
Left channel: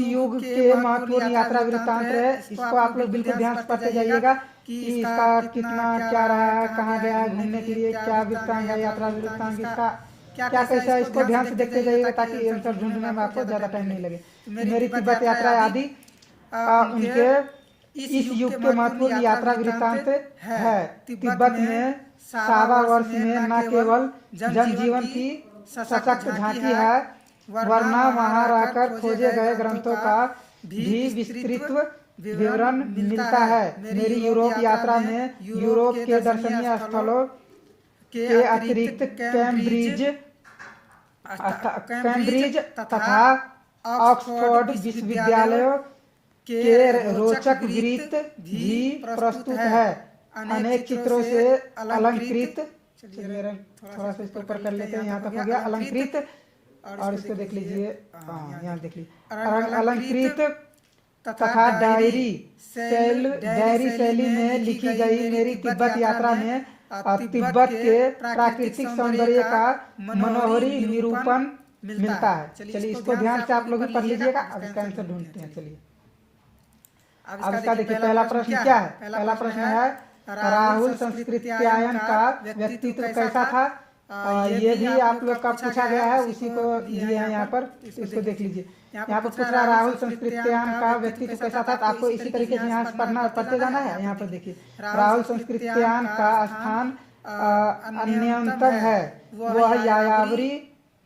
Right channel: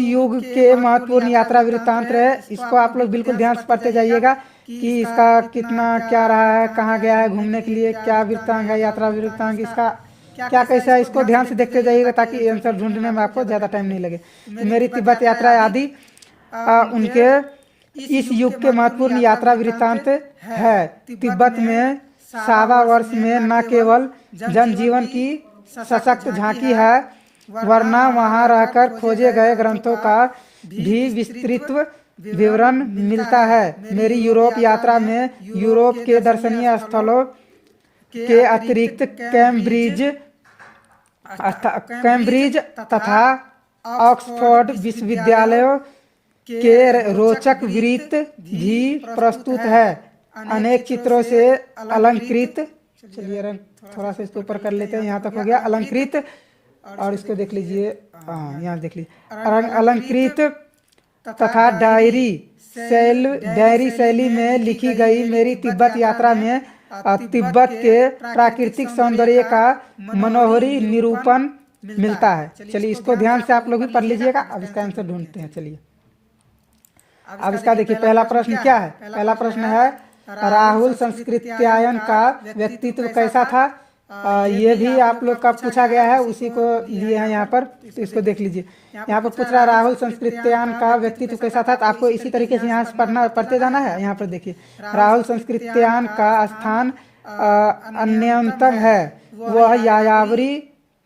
युग के महत्वपूर्ण यात्रा वृत्तांत है। इसको आप लोग बिल्कुल ध्यान से पढ़ते जाइएगा कि इसका कितना क्या रहा है, कहाँ गया है घूमने के लिए, क्या वृत्तांत है, यात्रा वृत्तांत इसका क्या कैसा है, इसको ध्यान से देखते जाइएगा ताकि आंसर ढूंढने में आपको ज्यादा टाइम नहीं लगे। मेरी तिब्बत यात्रा आदि उनके इस युग के महत्वपूर्ण यात्रा वृत्तांत है। तिब्बत में 125 वर्ष में न केवल जनजीवन की सशक्त झांकी है, वरना वहां रहकर खोजे गए ग्रंथों का भी विस्तृत विवरण मिलता है। मेरी यूरोप यात्रा में यूरोप के दर्शनीय स्थलों के अतिरिक्त कैम्ब्रिज तथा ऑक्सफोर्ड विश्वविद्यालयों के रोचक वृत्त भी प्रस्तुत है। अनेक चित्रों से अलंकृत, चलिए थोड़ा सा इसको ऊपर कर लेते हैं, यहाँ तक हो गया अलंकृत। और इसको देख लीजिए, यहाँ देख लीजिए अलंकृत तथा डायरी शैली में लिखी गई मेरी तिब्बत यात्रा में तिब्बत के प्राकृतिक सौंदर्य का मनोहरी निरूपण मिलता है। चलिए इसको ध्यान से आप लोग भी पढ़ लीजिएगा। अब इसका आंसर ढूंढते हैं। चलिए अब इसका देखिए पहला प्रश्न क्या है। पहला प्रश्न है राहुल संस्कृत्यायन का व्यक्तित्व कैसा था। ये भी आप लोग का पूछा गया है, उसी को दिए हैं यहाँ पर। इसको देख लीजिए। यहाँ पर पूछ रहा है राहुल संस्कृत्यायन का व्यक्तित्व कैसा था। तो आपको इसी तरीके से यहाँ से पढ़ते जाना है। यहाँ पर देखिए राहुल संस्कृत्यायन का स्थान अन्यतम है। वह यायावरी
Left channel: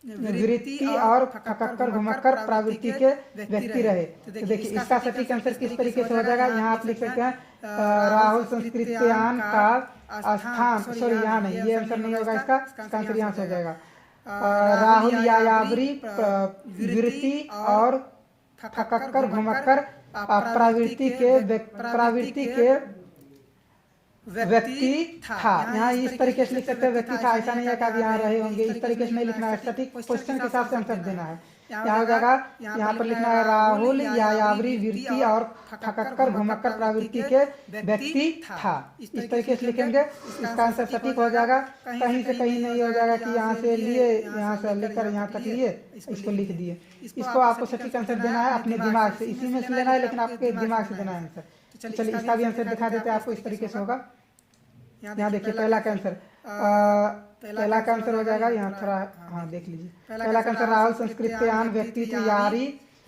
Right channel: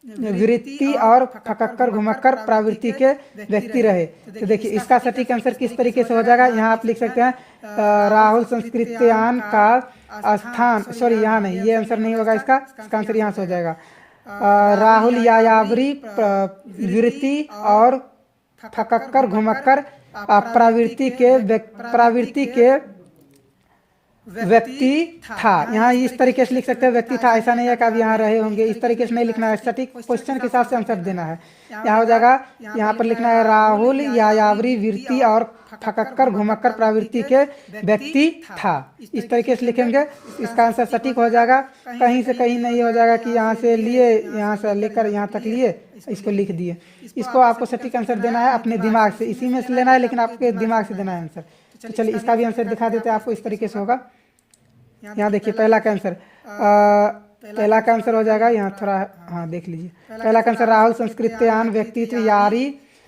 वृत्ति और फकक्कर घुमक्कर प्रवृत्ति के व्यक्ति रहे। तो देखिए इसका सटीक आंसर किस तरीके से हो जाएगा। यहाँ आप लिख सकते हैं राहुल संस्कृत्यायन का स्थान, सॉरी यहाँ नहीं, ये आंसर नहीं होगा इसका आंसर यहाँ से हो जाएगा राहुल यायावरी वृत्ति और फकक्कर घुमक्कर प्रवृत्ति के व्यक्ति था। यहाँ इस तरीके से लिख सकते हैं व्यक्ति था, ऐसा नहीं है कि अब यहाँ रहे होंगे। इस तरीके से नहीं लिखना है, सटीक क्वेश्चन के हिसाब से आंसर देना है। यहाँ हो जाएगा, यहाँ पर लिखना है राहुल यायावरी वृत्ति और फकक्कर घुमक्कर प्रवृत्ति के व्यक्ति था। इस तरीके से लिखेंगे, इसका आंसर सटीक हो जाएगा। कहीं से कहीं नहीं हो जाएगा कि यहाँ से लिए, यहाँ से लेकर यहाँ तक लिए, इसको लिख दिए। इसको आपको सटीक आंसर देना है अपने दिमाग से, इसी में से लेना है, लेकिन आपके दिमाग से देना है आंसर। तो चलिए इसका भी आंसर दिखा देते हैं आपको। इस तरीके से होगा। यहाँ देखिए पहला का आंसर हो जाएगा यहाँ थोड़ा, हाँ देख लीजिए। पहला का आंसर राहुल संस्कृत्यायन व्यक्तित्व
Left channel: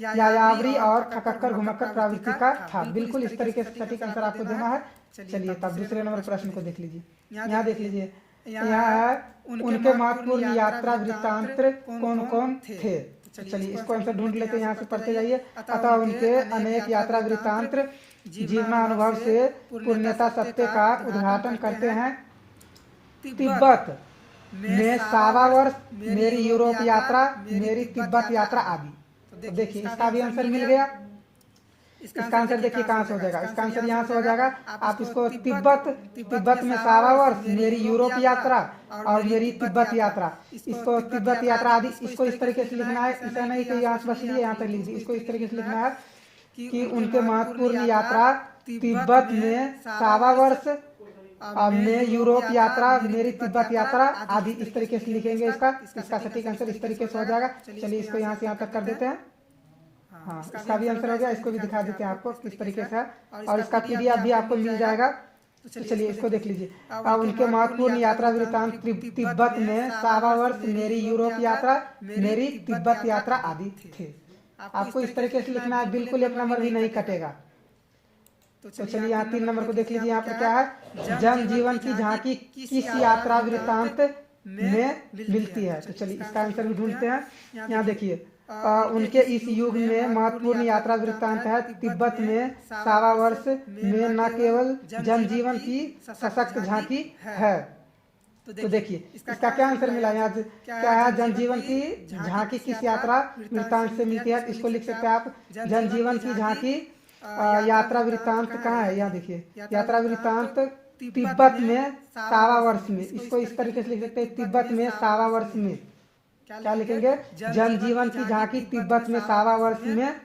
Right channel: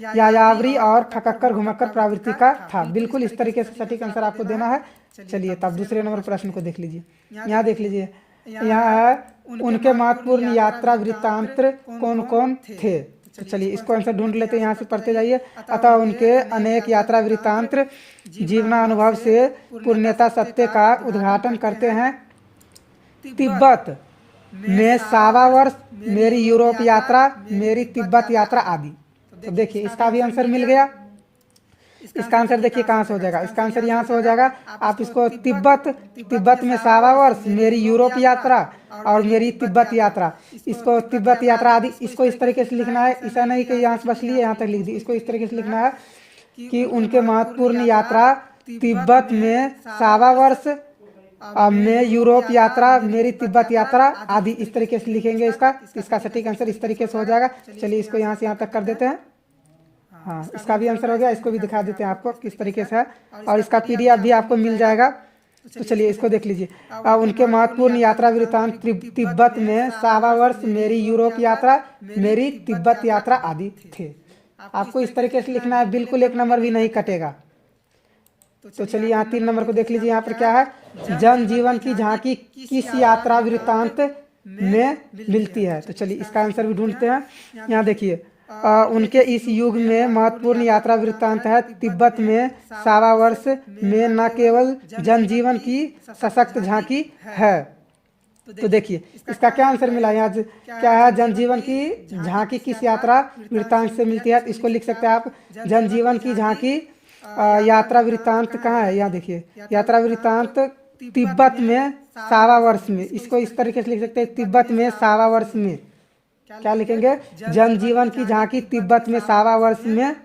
यायावरी और फकक्कर घुमक्कर प्रवृत्ति का था। बिल्कुल इस तरीके से सटीक आंसर आपको देना है। चलिए तब दूसरे नंबर प्रश्न को देख लीजिए। यहाँ देख लीजिए, यहाँ है उनके महत्वपूर्ण यात्रा वृत्तांत कौन कौन थे। तो चलिए इसको आंसर ढूंढ लेते हैं, यहाँ से पढ़ते जाइए। अतः उनके अनेक यात्रा वृत्तांत जीवनानुभव से पूर्णता सत्य का उद्घाटन करते हैं। तिब्बत में 1.25 वर्ष, मेरी यूरोप यात्रा, मेरी तिब्बत यात्रा आदि। तो देखिए इसका भी आंसर मिल गया। इसका आंसर देखिए कहाँ से हो जाएगा। इसका आंसर यहाँ से हो जाएगा। आप इसको तिब्बत में 1.25 वर्ष, मेरी यूरोप यात्रा और मेरी तिब्बत यात्रा, इसको तिब्बत यात्रा आदि, इसको इस तरीके से लिखना है। ऐसा नहीं कि यहाँ से बस लिए यहाँ तक लिख दी। इसको इस तरीके से लिखना है कि उनके महत्वपूर्ण यात्रा तिब्बत में 1.25 वर्ष, में यूरोप यात्रा, मेरी तिब्बत यात्रा आदि। इस तरीके से लिखेंगे इसका सटीक आंसर इस तरीके से हो जाएगा। चलिए इसको यहाँ से यहाँ तक कर देते हैं। हाँ इसका भी आंसर हो गया। इसको भी दिखा देते हैं आपको किस तरीके से है, और इसका PDF भी आपको मिल जाएगा। तो चलिए इसको देख लीजिए। उनके महत्वपूर्ण यात्रा वृत्तांत तिब्बत में 1.25 वर्ष, मेरी यूरोप यात्रा, मेरी तिब्बत यात्रा आदि थे। आपको इस तरीके से लिखना है, बिल्कुल एक नंबर भी नहीं कटेगा। तो चलिए यहाँ 3 नंबर को देख लीजिए। यहाँ पर क्या है, जन जीवन की झांकी किस यात्रा वृत्तांत में मिलती है। तो चलिए इसका आंसर भी ढूंढते हैं। यहाँ देखिए उनके इस युग में महत्वपूर्ण यात्रा वृत्तांत है। तिब्बत में 1.25 वर्ष में न केवल जनजीवन की सशक्त झांकी है। तो देखिए इसका क्या आंसर मिला। यहाँ क्या है, जनजीवन की झांकी किस यात्रा वृत्तांत से मिलती है। इसको लिख सकते हैं आप, जनजीवन की झांकी यात्रा वृत्तांत कहाँ है। यहाँ देखिए यात्रा वृत्तांत तिब्बत में 1.25 वर्ष में। इसको इस तरीके से लिख सकते हैं, तिब्बत में 1.25 वर्ष में। क्या लिखेंगे, जनजीवन की झांकी तिब्बत में 1.25 वर्ष में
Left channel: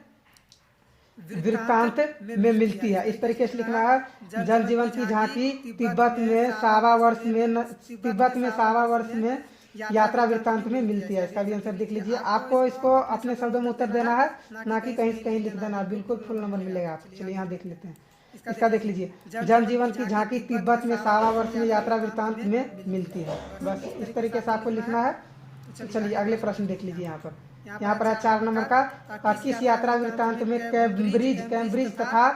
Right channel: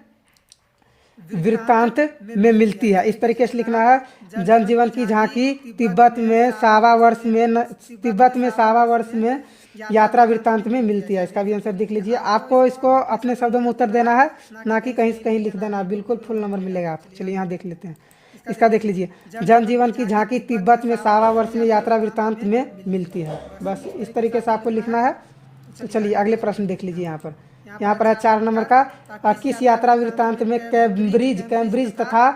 वृत्तांत में मिलती है। इस तरीके से लिखना है, जनजीवन की झांकी तिब्बत में 1.25 वर्ष में, तिब्बत में 1.25 वर्ष में यात्रा वृत्तांत में मिलती है। इसका भी आंसर देख लीजिए। आपको इसको अपने शब्दों में उत्तर देना है, ना कि कहीं से कहीं लिख देना। बिल्कुल फुल नंबर मिलेगा आपको। चलिए यहाँ देख लेते हैं। इसका देख लीजिए, जनजीवन की झांकी तिब्बत में 1.25 वर्ष में यात्रा वृत्तांत में मिलती है। बस इस तरीके से आपको लिखना है। तो चलिए अगले प्रश्न देख लीजिए। यहाँ पर है 4 नंबर का, किस यात्रा वृत्तांत में कैम्ब्रिज तथा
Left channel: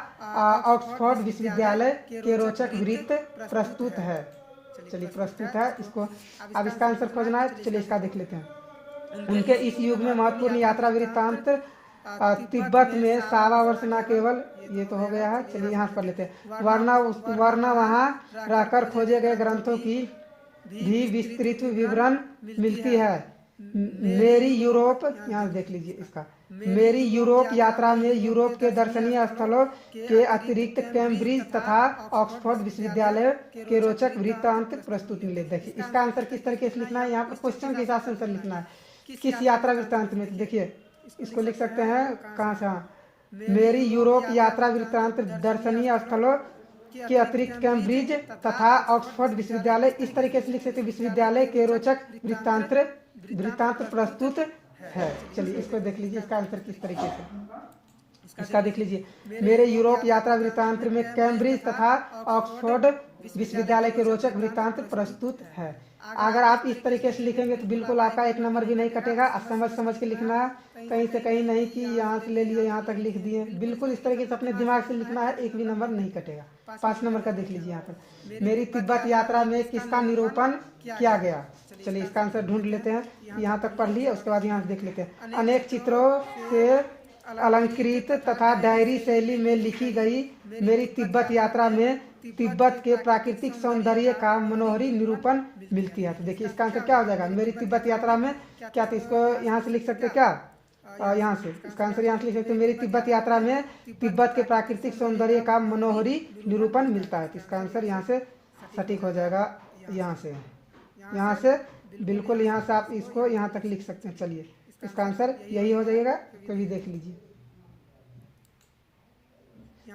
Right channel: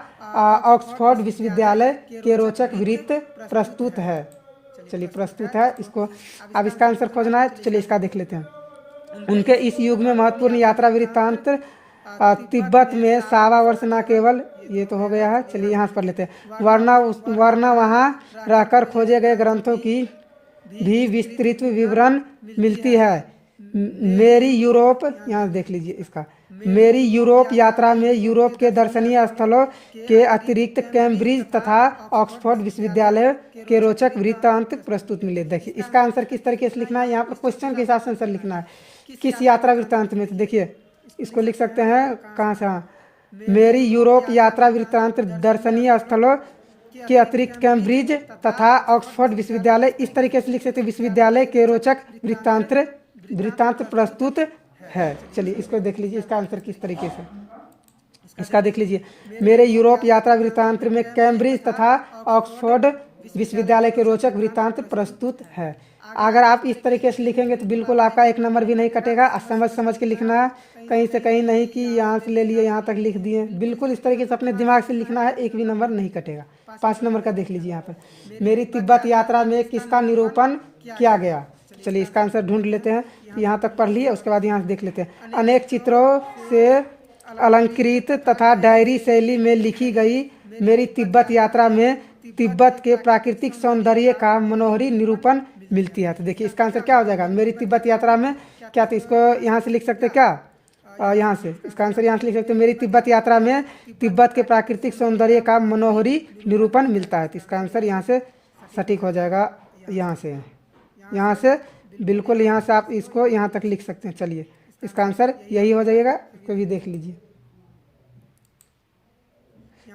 ऑक्सफोर्ड विश्वविद्यालय के रोचक वृत्त प्रस्तुत है। चलिए प्रस्तुत है इसको, अब इसका आंसर खोजना है। चलिए इसका देख लेते हैं। उनके इस युग में महत्वपूर्ण यात्रा वृत्तांत तिब्बत में 1.25 वर्ष न केवल, ये तो हो गया है। चलिए यहाँ से पढ़ लेते हैं। वरना वहाँ रहकर खोजे गए ग्रंथों की भी विस्तृत विवरण मिलती है। मेरी यूरोप, यहाँ देख लीजिए इसका, मेरी यूरोप यात्रा में यूरोप के दर्शनीय स्थलों के अतिरिक्त कैम्ब्रिज तथा ऑक्सफोर्ड विश्वविद्यालय के रोचक वृत्तांत प्रस्तुत मिले। देखिए इसका आंसर किस तरीके से लिखना है। यहाँ पर क्वेश्चन के हिसाब से आंसर लिखना है, किस यात्रा वृत्तांत में। तो देखिए इसको लिख सकते हैं कहाँ से, मेरी यूरोप यात्रा वृत्तांत दर्शनीय स्थलों के अतिरिक्त कैम्ब्रिज तथा ऑक्सफोर्ड विश्वविद्यालय, इस तरीके से लिख सकते हैं, विश्वविद्यालय के रोचक वृत्तांत प्रस्तुत है। चलिए इसको देख लीजिए, इसका आंसर किस तरीके से, इसका देख लीजिए, मेरे यूरोप यात्रा वृत्तांत में कैम्ब्रिज तथा ऑक्सफोर्ड विश्वविद्यालय के रोचक वृत्तांत प्रस्तुत है। अगर आप इस तरीके से लिखेंगे तो बिल्कुल आपका एक नंबर भी नहीं कटेगा। समझ के लिखना है, कहीं से कहीं नहीं कि यहाँ से ले लिए यहाँ तक लिख दिए, बिल्कुल इस तरीके से अपने दिमाग से लिखना है, एक भी नंबर नहीं कटेगा। 5 नंबर का देख लीजिए यहाँ पर, मेरी तिब्बत यात्रा में किसका निरूपण किया गया। चलिए इसका आंसर ढूंढ लेते हैं, यहाँ तक पढ़ लिए, उसके बाद यहाँ से देख लेते हैं। अनेक चित्रों से अलंकृत तथा डायरी शैली में लिखी गई मेरी तिब्बत यात्रा में तिब्बत के प्राकृतिक सौंदर्य का मनोहरी निरूपण मिलती है। तो देखिए इसका आंसर क्या हो जाएगा, मेरी तिब्बत यात्रा में क्या, तो इसको यहाँ से लिख सकते क्या, यहाँ से इसका आंसर यहाँ से लिख सकते, मेरी तिब्बत यात्रा में तिब्बत के प्राकृतिक सौंदर्य का मनोहरी निरूपण मिलता है। तो इसका आंसर यहाँ से सटीक हो जाएगा, यहाँ से बिल्कुल यहाँ से आप इसको यहाँ तक लिख सकते हैं। चलिए इसका आंसर यही हो जाएगा, तो भी देख लीजिए,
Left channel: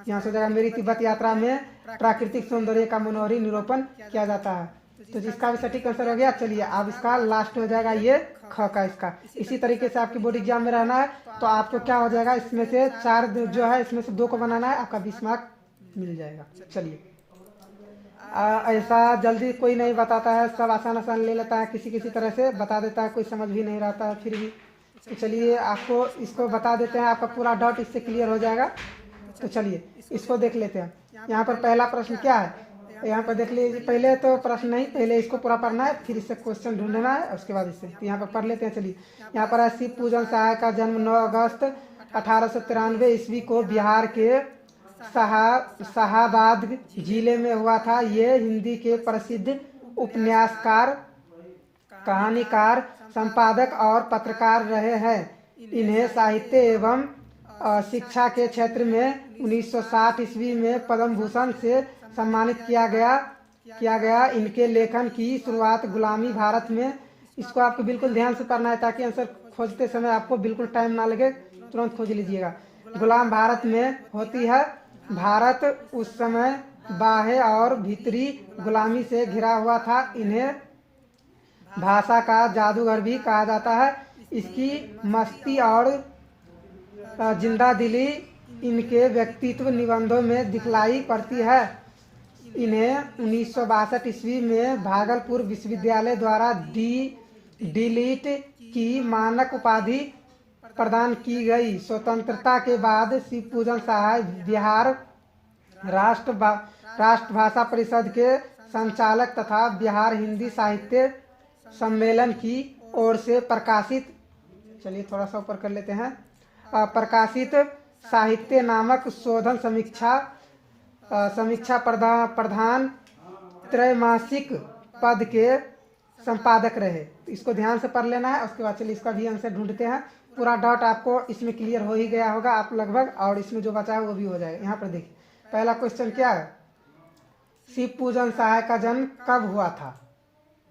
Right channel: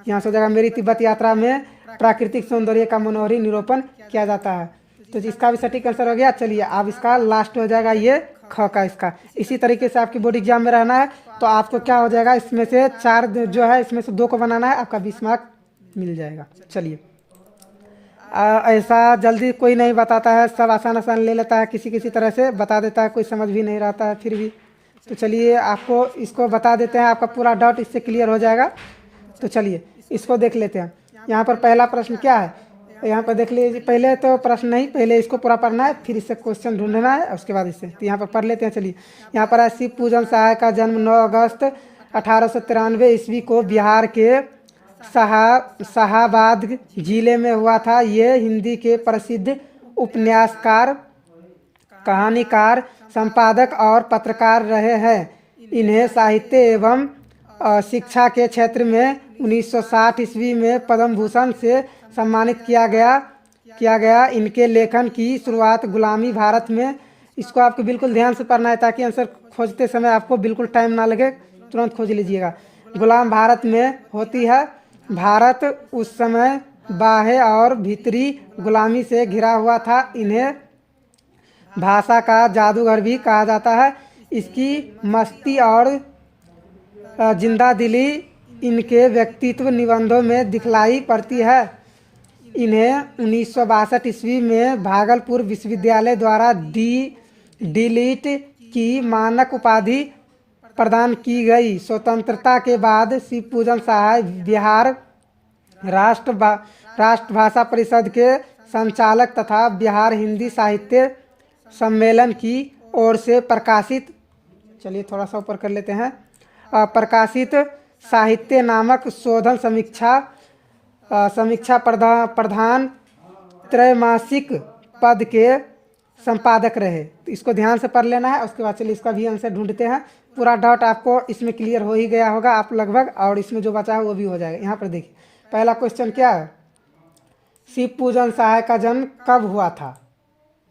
यहाँ से हो जाएगा, मेरी तिब्बत यात्रा में प्राकृतिक सौंदर्य का मनोहरी निरूपण किया जाता है। तो इसका भी सटीक आंसर हो गया। चलिए अब इसका लास्ट हो जाएगा ये ख का, इसका इसी तरीके से आपकी बोर्ड एग्जाम में रहना है। तो आपको क्या हो जाएगा, इसमें से 4 जो है इसमें से 2 को बनाना है, आपका 20 मार्क मिल जाएगा। चलिए ऐसा जल्दी कोई नहीं बताता है, सब आसान ले लेता है, किसी तरह से बता देता है, कोई समझ भी नहीं रहता है फिर भी। तो चलिए आपको इसको बता देते हैं, आपका पूरा डाउट इससे क्लियर हो जाएगा। तो चलिए इसको देख लेते हैं। यहाँ पर पहला प्रश्न क्या है, यहाँ पर देख लीजिए, पहले तो प्रश्न नहीं, पहले इसको पूरा पढ़ना है, फिर इससे क्वेश्चन ढूंढना है, उसके बाद इससे। तो यहाँ पर पढ़ लेते हैं। चलिए यहाँ पर है, शिव पूजन सहाय का जन्म 9 अगस्त 1893 ईस्वी को बिहार के शाहाबाद जिले में हुआ था। ये हिंदी के प्रसिद्ध उपन्यासकार, कहानीकार, संपादक और पत्रकार रहे हैं। इन्हें साहित्य एवं शिक्षा के क्षेत्र में 1960 ईस्वी में पद्म भूषण से सम्मानित किया गया। इनके लेखन की शुरुआत गुलामी भारत में, इसको आपको बिल्कुल ध्यान से पढ़ना है ताकि आंसर खोजते समय आपको बिल्कुल टाइम ना लगे, तुरंत खोज लीजिएगा। गुलाम भारत में होती है। भारत उस समय बाह्य और भीतरी गुलामी से घिरा हुआ था। इन्हें भाषा का जादूगर भी कहा जाता है। इसकी मस्ती और जिंदा दिली इनके व्यक्तित्व निबंधों में दिखलाई पड़ती है। इन्हें 1962 ईस्वी में भागलपुर विश्वविद्यालय द्वारा डीलिट की मानक उपाधि प्रदान की गई। स्वतंत्रता के बाद शिव पूजन सहाय बिहार राष्ट्र भाषा परिषद के संचालक तथा बिहार हिंदी साहित्य सम्मेलन की ओर से प्रकाशित, चलिए थोड़ा सा ऊपर कर लेते हैं, प्रकाशित साहित्य नामक शोधन समीक्षा प्रधान त्रैमासिक पद के संपादक रहे। तो इसको ध्यान से पढ़ लेना है। उसके बाद चलिए इसका भी आंसर ढूंढते हैं। पूरा डाउट आपको इसमें क्लियर हो ही गया होगा आप लगभग, और इसमें जो बचा है वो भी हो जाएगा। यहाँ पर देखिए पहला क्वेश्चन क्या है, शिव पूजन सहाय का जन्म कब हुआ था।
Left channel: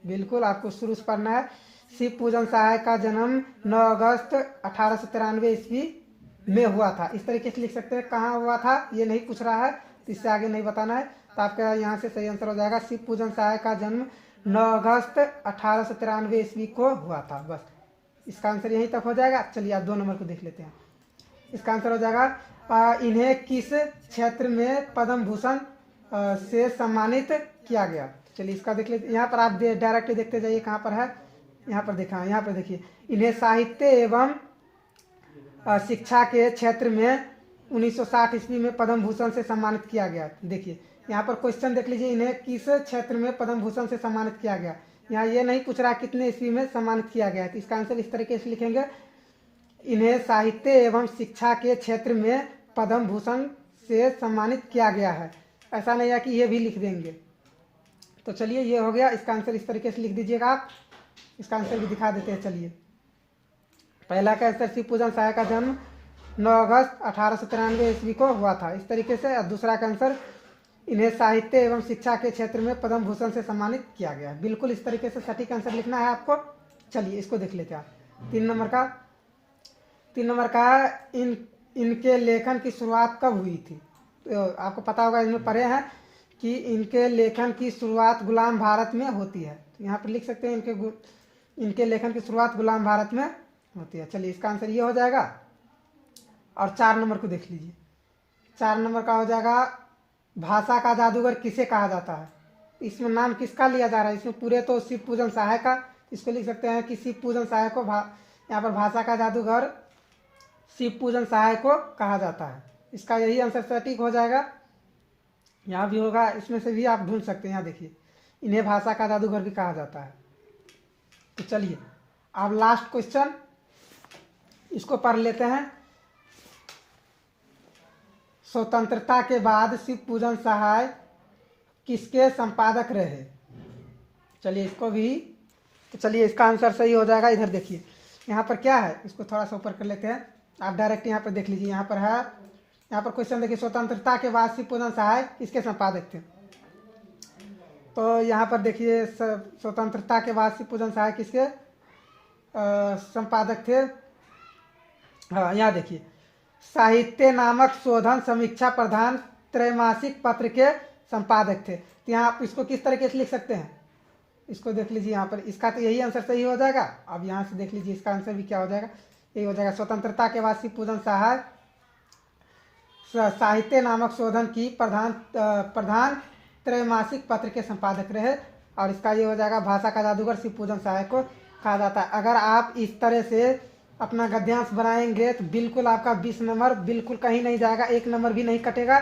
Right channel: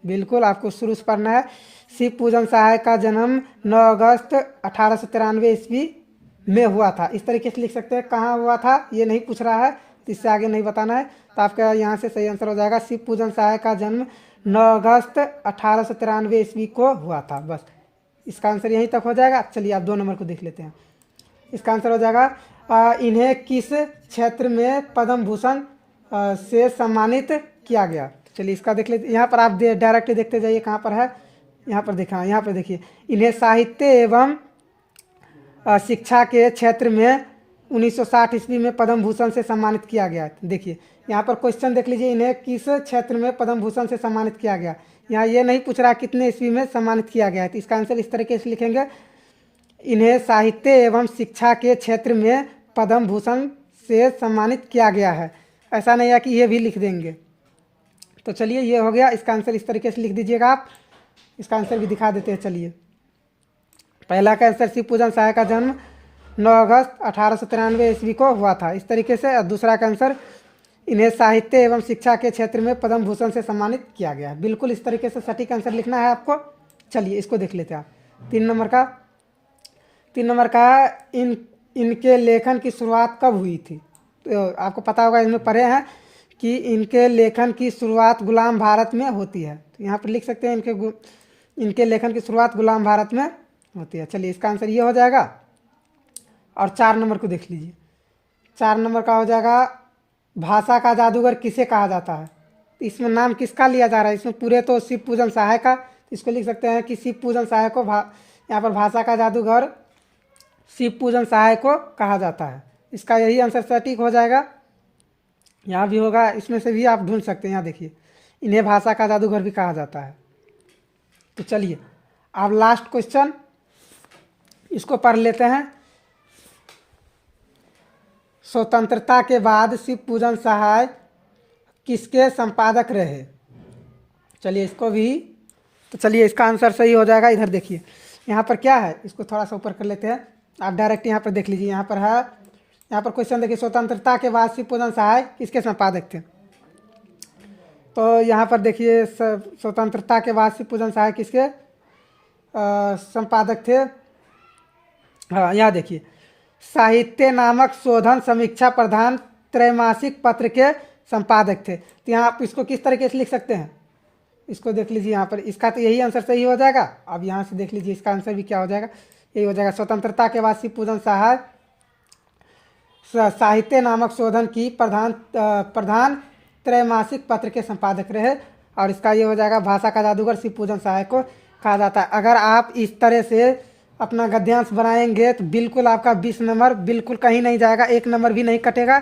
बिल्कुल आपको शुरू से पढ़ना है। शिव पूजन सहाय का जन्म 9 अगस्त 1893 ईस्वी में हुआ था। इस तरीके से लिख सकते हैं। कहाँ हुआ था ये नहीं पूछ रहा है, तो इससे आगे नहीं बताना है। तो आपका यहाँ से सही आंसर हो जाएगा, शिव पूजन सहाय का जन्म 9 अगस्त 1893 ईस्वी को हुआ था। बस इसका आंसर यहीं तक हो जाएगा। चलिए आप 2 नंबर को देख लेते हैं। इसका आंसर हो जाएगा, इन्हें किस क्षेत्र में पद्म भूषण से सम्मानित किया गया। चलिए इसका देख लेते। यहाँ पर आप डायरेक्ट देखते जाइए कहाँ पर है, यहाँ पर देखा, यहाँ पर देखिए, इन्हें साहित्य एवं शिक्षा के क्षेत्र में 1960 ईस्वी में पद्म भूषण से सम्मानित किया गया। देखिए यहाँ पर क्वेश्चन देख लीजिए, इन्हें किस क्षेत्र में पद्म भूषण से सम्मानित किया गया। यहाँ ये नहीं पूछ रहा कितने ईस्वी में सम्मानित किया गया है। तो इसका आंसर इस तरीके से लिखेंगे, इन्हें साहित्य एवं शिक्षा के क्षेत्र में पद्म भूषण से सम्मानित किया गया है। ऐसा नहीं है कि ये भी लिख देंगे। तो चलिए ये हो गया। इसका आंसर इस तरीके से लिख दीजिएगा आप। इसका आंसर भी दिखा देते हैं। चलिए पहला का आंसर, शिव पूजन सहाय का जन्म 9 अगस्त 1893 ईस्वी को हुआ था, इस तरीके से। और दूसरा का आंसर, इन्हें साहित्य एवं शिक्षा के क्षेत्र में पद्म भूषण से सम्मानित किया गया है। बिल्कुल इस तरीके से सटीक आंसर लिखना है आपको। चलिए इसको देख लेते हैं आप। 3 नंबर का इनके लेखन की शुरुआत कब हुई थी? तो आपको पता होगा, इसमें पढ़े हैं कि इनके लेखन की शुरुआत गुलाम भारत में होती है। तो यहाँ पर लिख सकते हैं इनके लेखन की शुरुआत गुलाम भारत में होती है। चलिए इसका आंसर ये हो जाएगा। और 4 नंबर को देख लीजिए। 4 नंबर का हो जाएगा, भाषा का जादूगर किसे कहा जाता है? तो इसमें नाम किसका लिया जा रहा है? इसमें पूरे तो शिव पूजन सहाय का, इसको लिख सकते हैं कि शिव पूजन सहाय को यहाँ पर भाषा का जादूगर शिव पूजन सहाय को कहा जाता है। इसका यही आंसर सटीक हो जाएगा। यहाँ भी होगा, इसमें से भी आप ढूंढ सकते हैं। यहाँ देखिए, इन्हें भाषा का जादूगर भी कहा जाता है। तो चलिए अब लास्ट क्वेश्चन इसको पढ़ लेते हैं। स्वतंत्रता के बाद शिव पूजन सहाय किसके संपादक रहे? चलिए इसको भी, तो चलिए इसका आंसर सही हो जाएगा। इधर देखिए, यहाँ पर क्या है, इसको थोड़ा सा ऊपर कर लेते हैं। आप डायरेक्ट यहाँ पर देख लीजिए। यहाँ पर है, यहाँ पर क्वेश्चन देखिए, स्वतंत्रता के बाद शिव पूजन सहाय किसके संपादक थे? तो यहाँ पर देखिए, स्वतंत्रता के बाद शिव पूजन सहाय किसके संपादक थे? हाँ, यहाँ देखिए, साहित्य नामक शोधन समीक्षा प्रधान त्रैमासिक पत्र के संपादक थे। तो यहाँ आप इसको किस तरीके से लिख सकते हैं, इसको देख लीजिए। यहाँ पर इसका तो यही आंसर सही हो जाएगा। अब यहाँ से देख लीजिए, इसका आंसर भी क्या हो जाएगा, यही हो जाएगा। स्वतंत्रता के बाद शिव पूजन सहाय साहित्य नामक शोधन की प्रधान त्रैमासिक पत्र के संपादक रहे। और इसका ये हो जाएगा, भाषा का जादूगर शिव पूजन सहाय को कहा जाता है। अगर आप इस तरह से अपना गद्यांश बनाएंगे तो बिल्कुल आपका 20 नंबर बिल्कुल कहीं नहीं जाएगा, 1 नंबर भी नहीं कटेगा।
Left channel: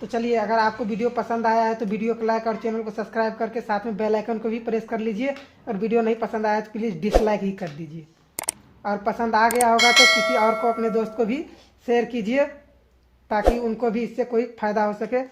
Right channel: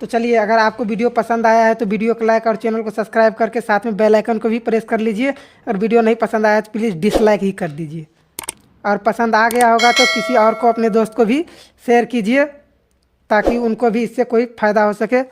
तो चलिए, अगर आपको वीडियो पसंद आया है तो वीडियो को लाइक और चैनल को सब्सक्राइब करके साथ में बेल आइकन को भी प्रेस कर लीजिए। और वीडियो नहीं पसंद आया तो प्लीज़ डिसलाइक ही कर दीजिए। और पसंद आ गया होगा तो किसी और को, अपने दोस्त को भी शेयर कीजिए, ताकि उनको भी इससे कोई फ़ायदा हो सके।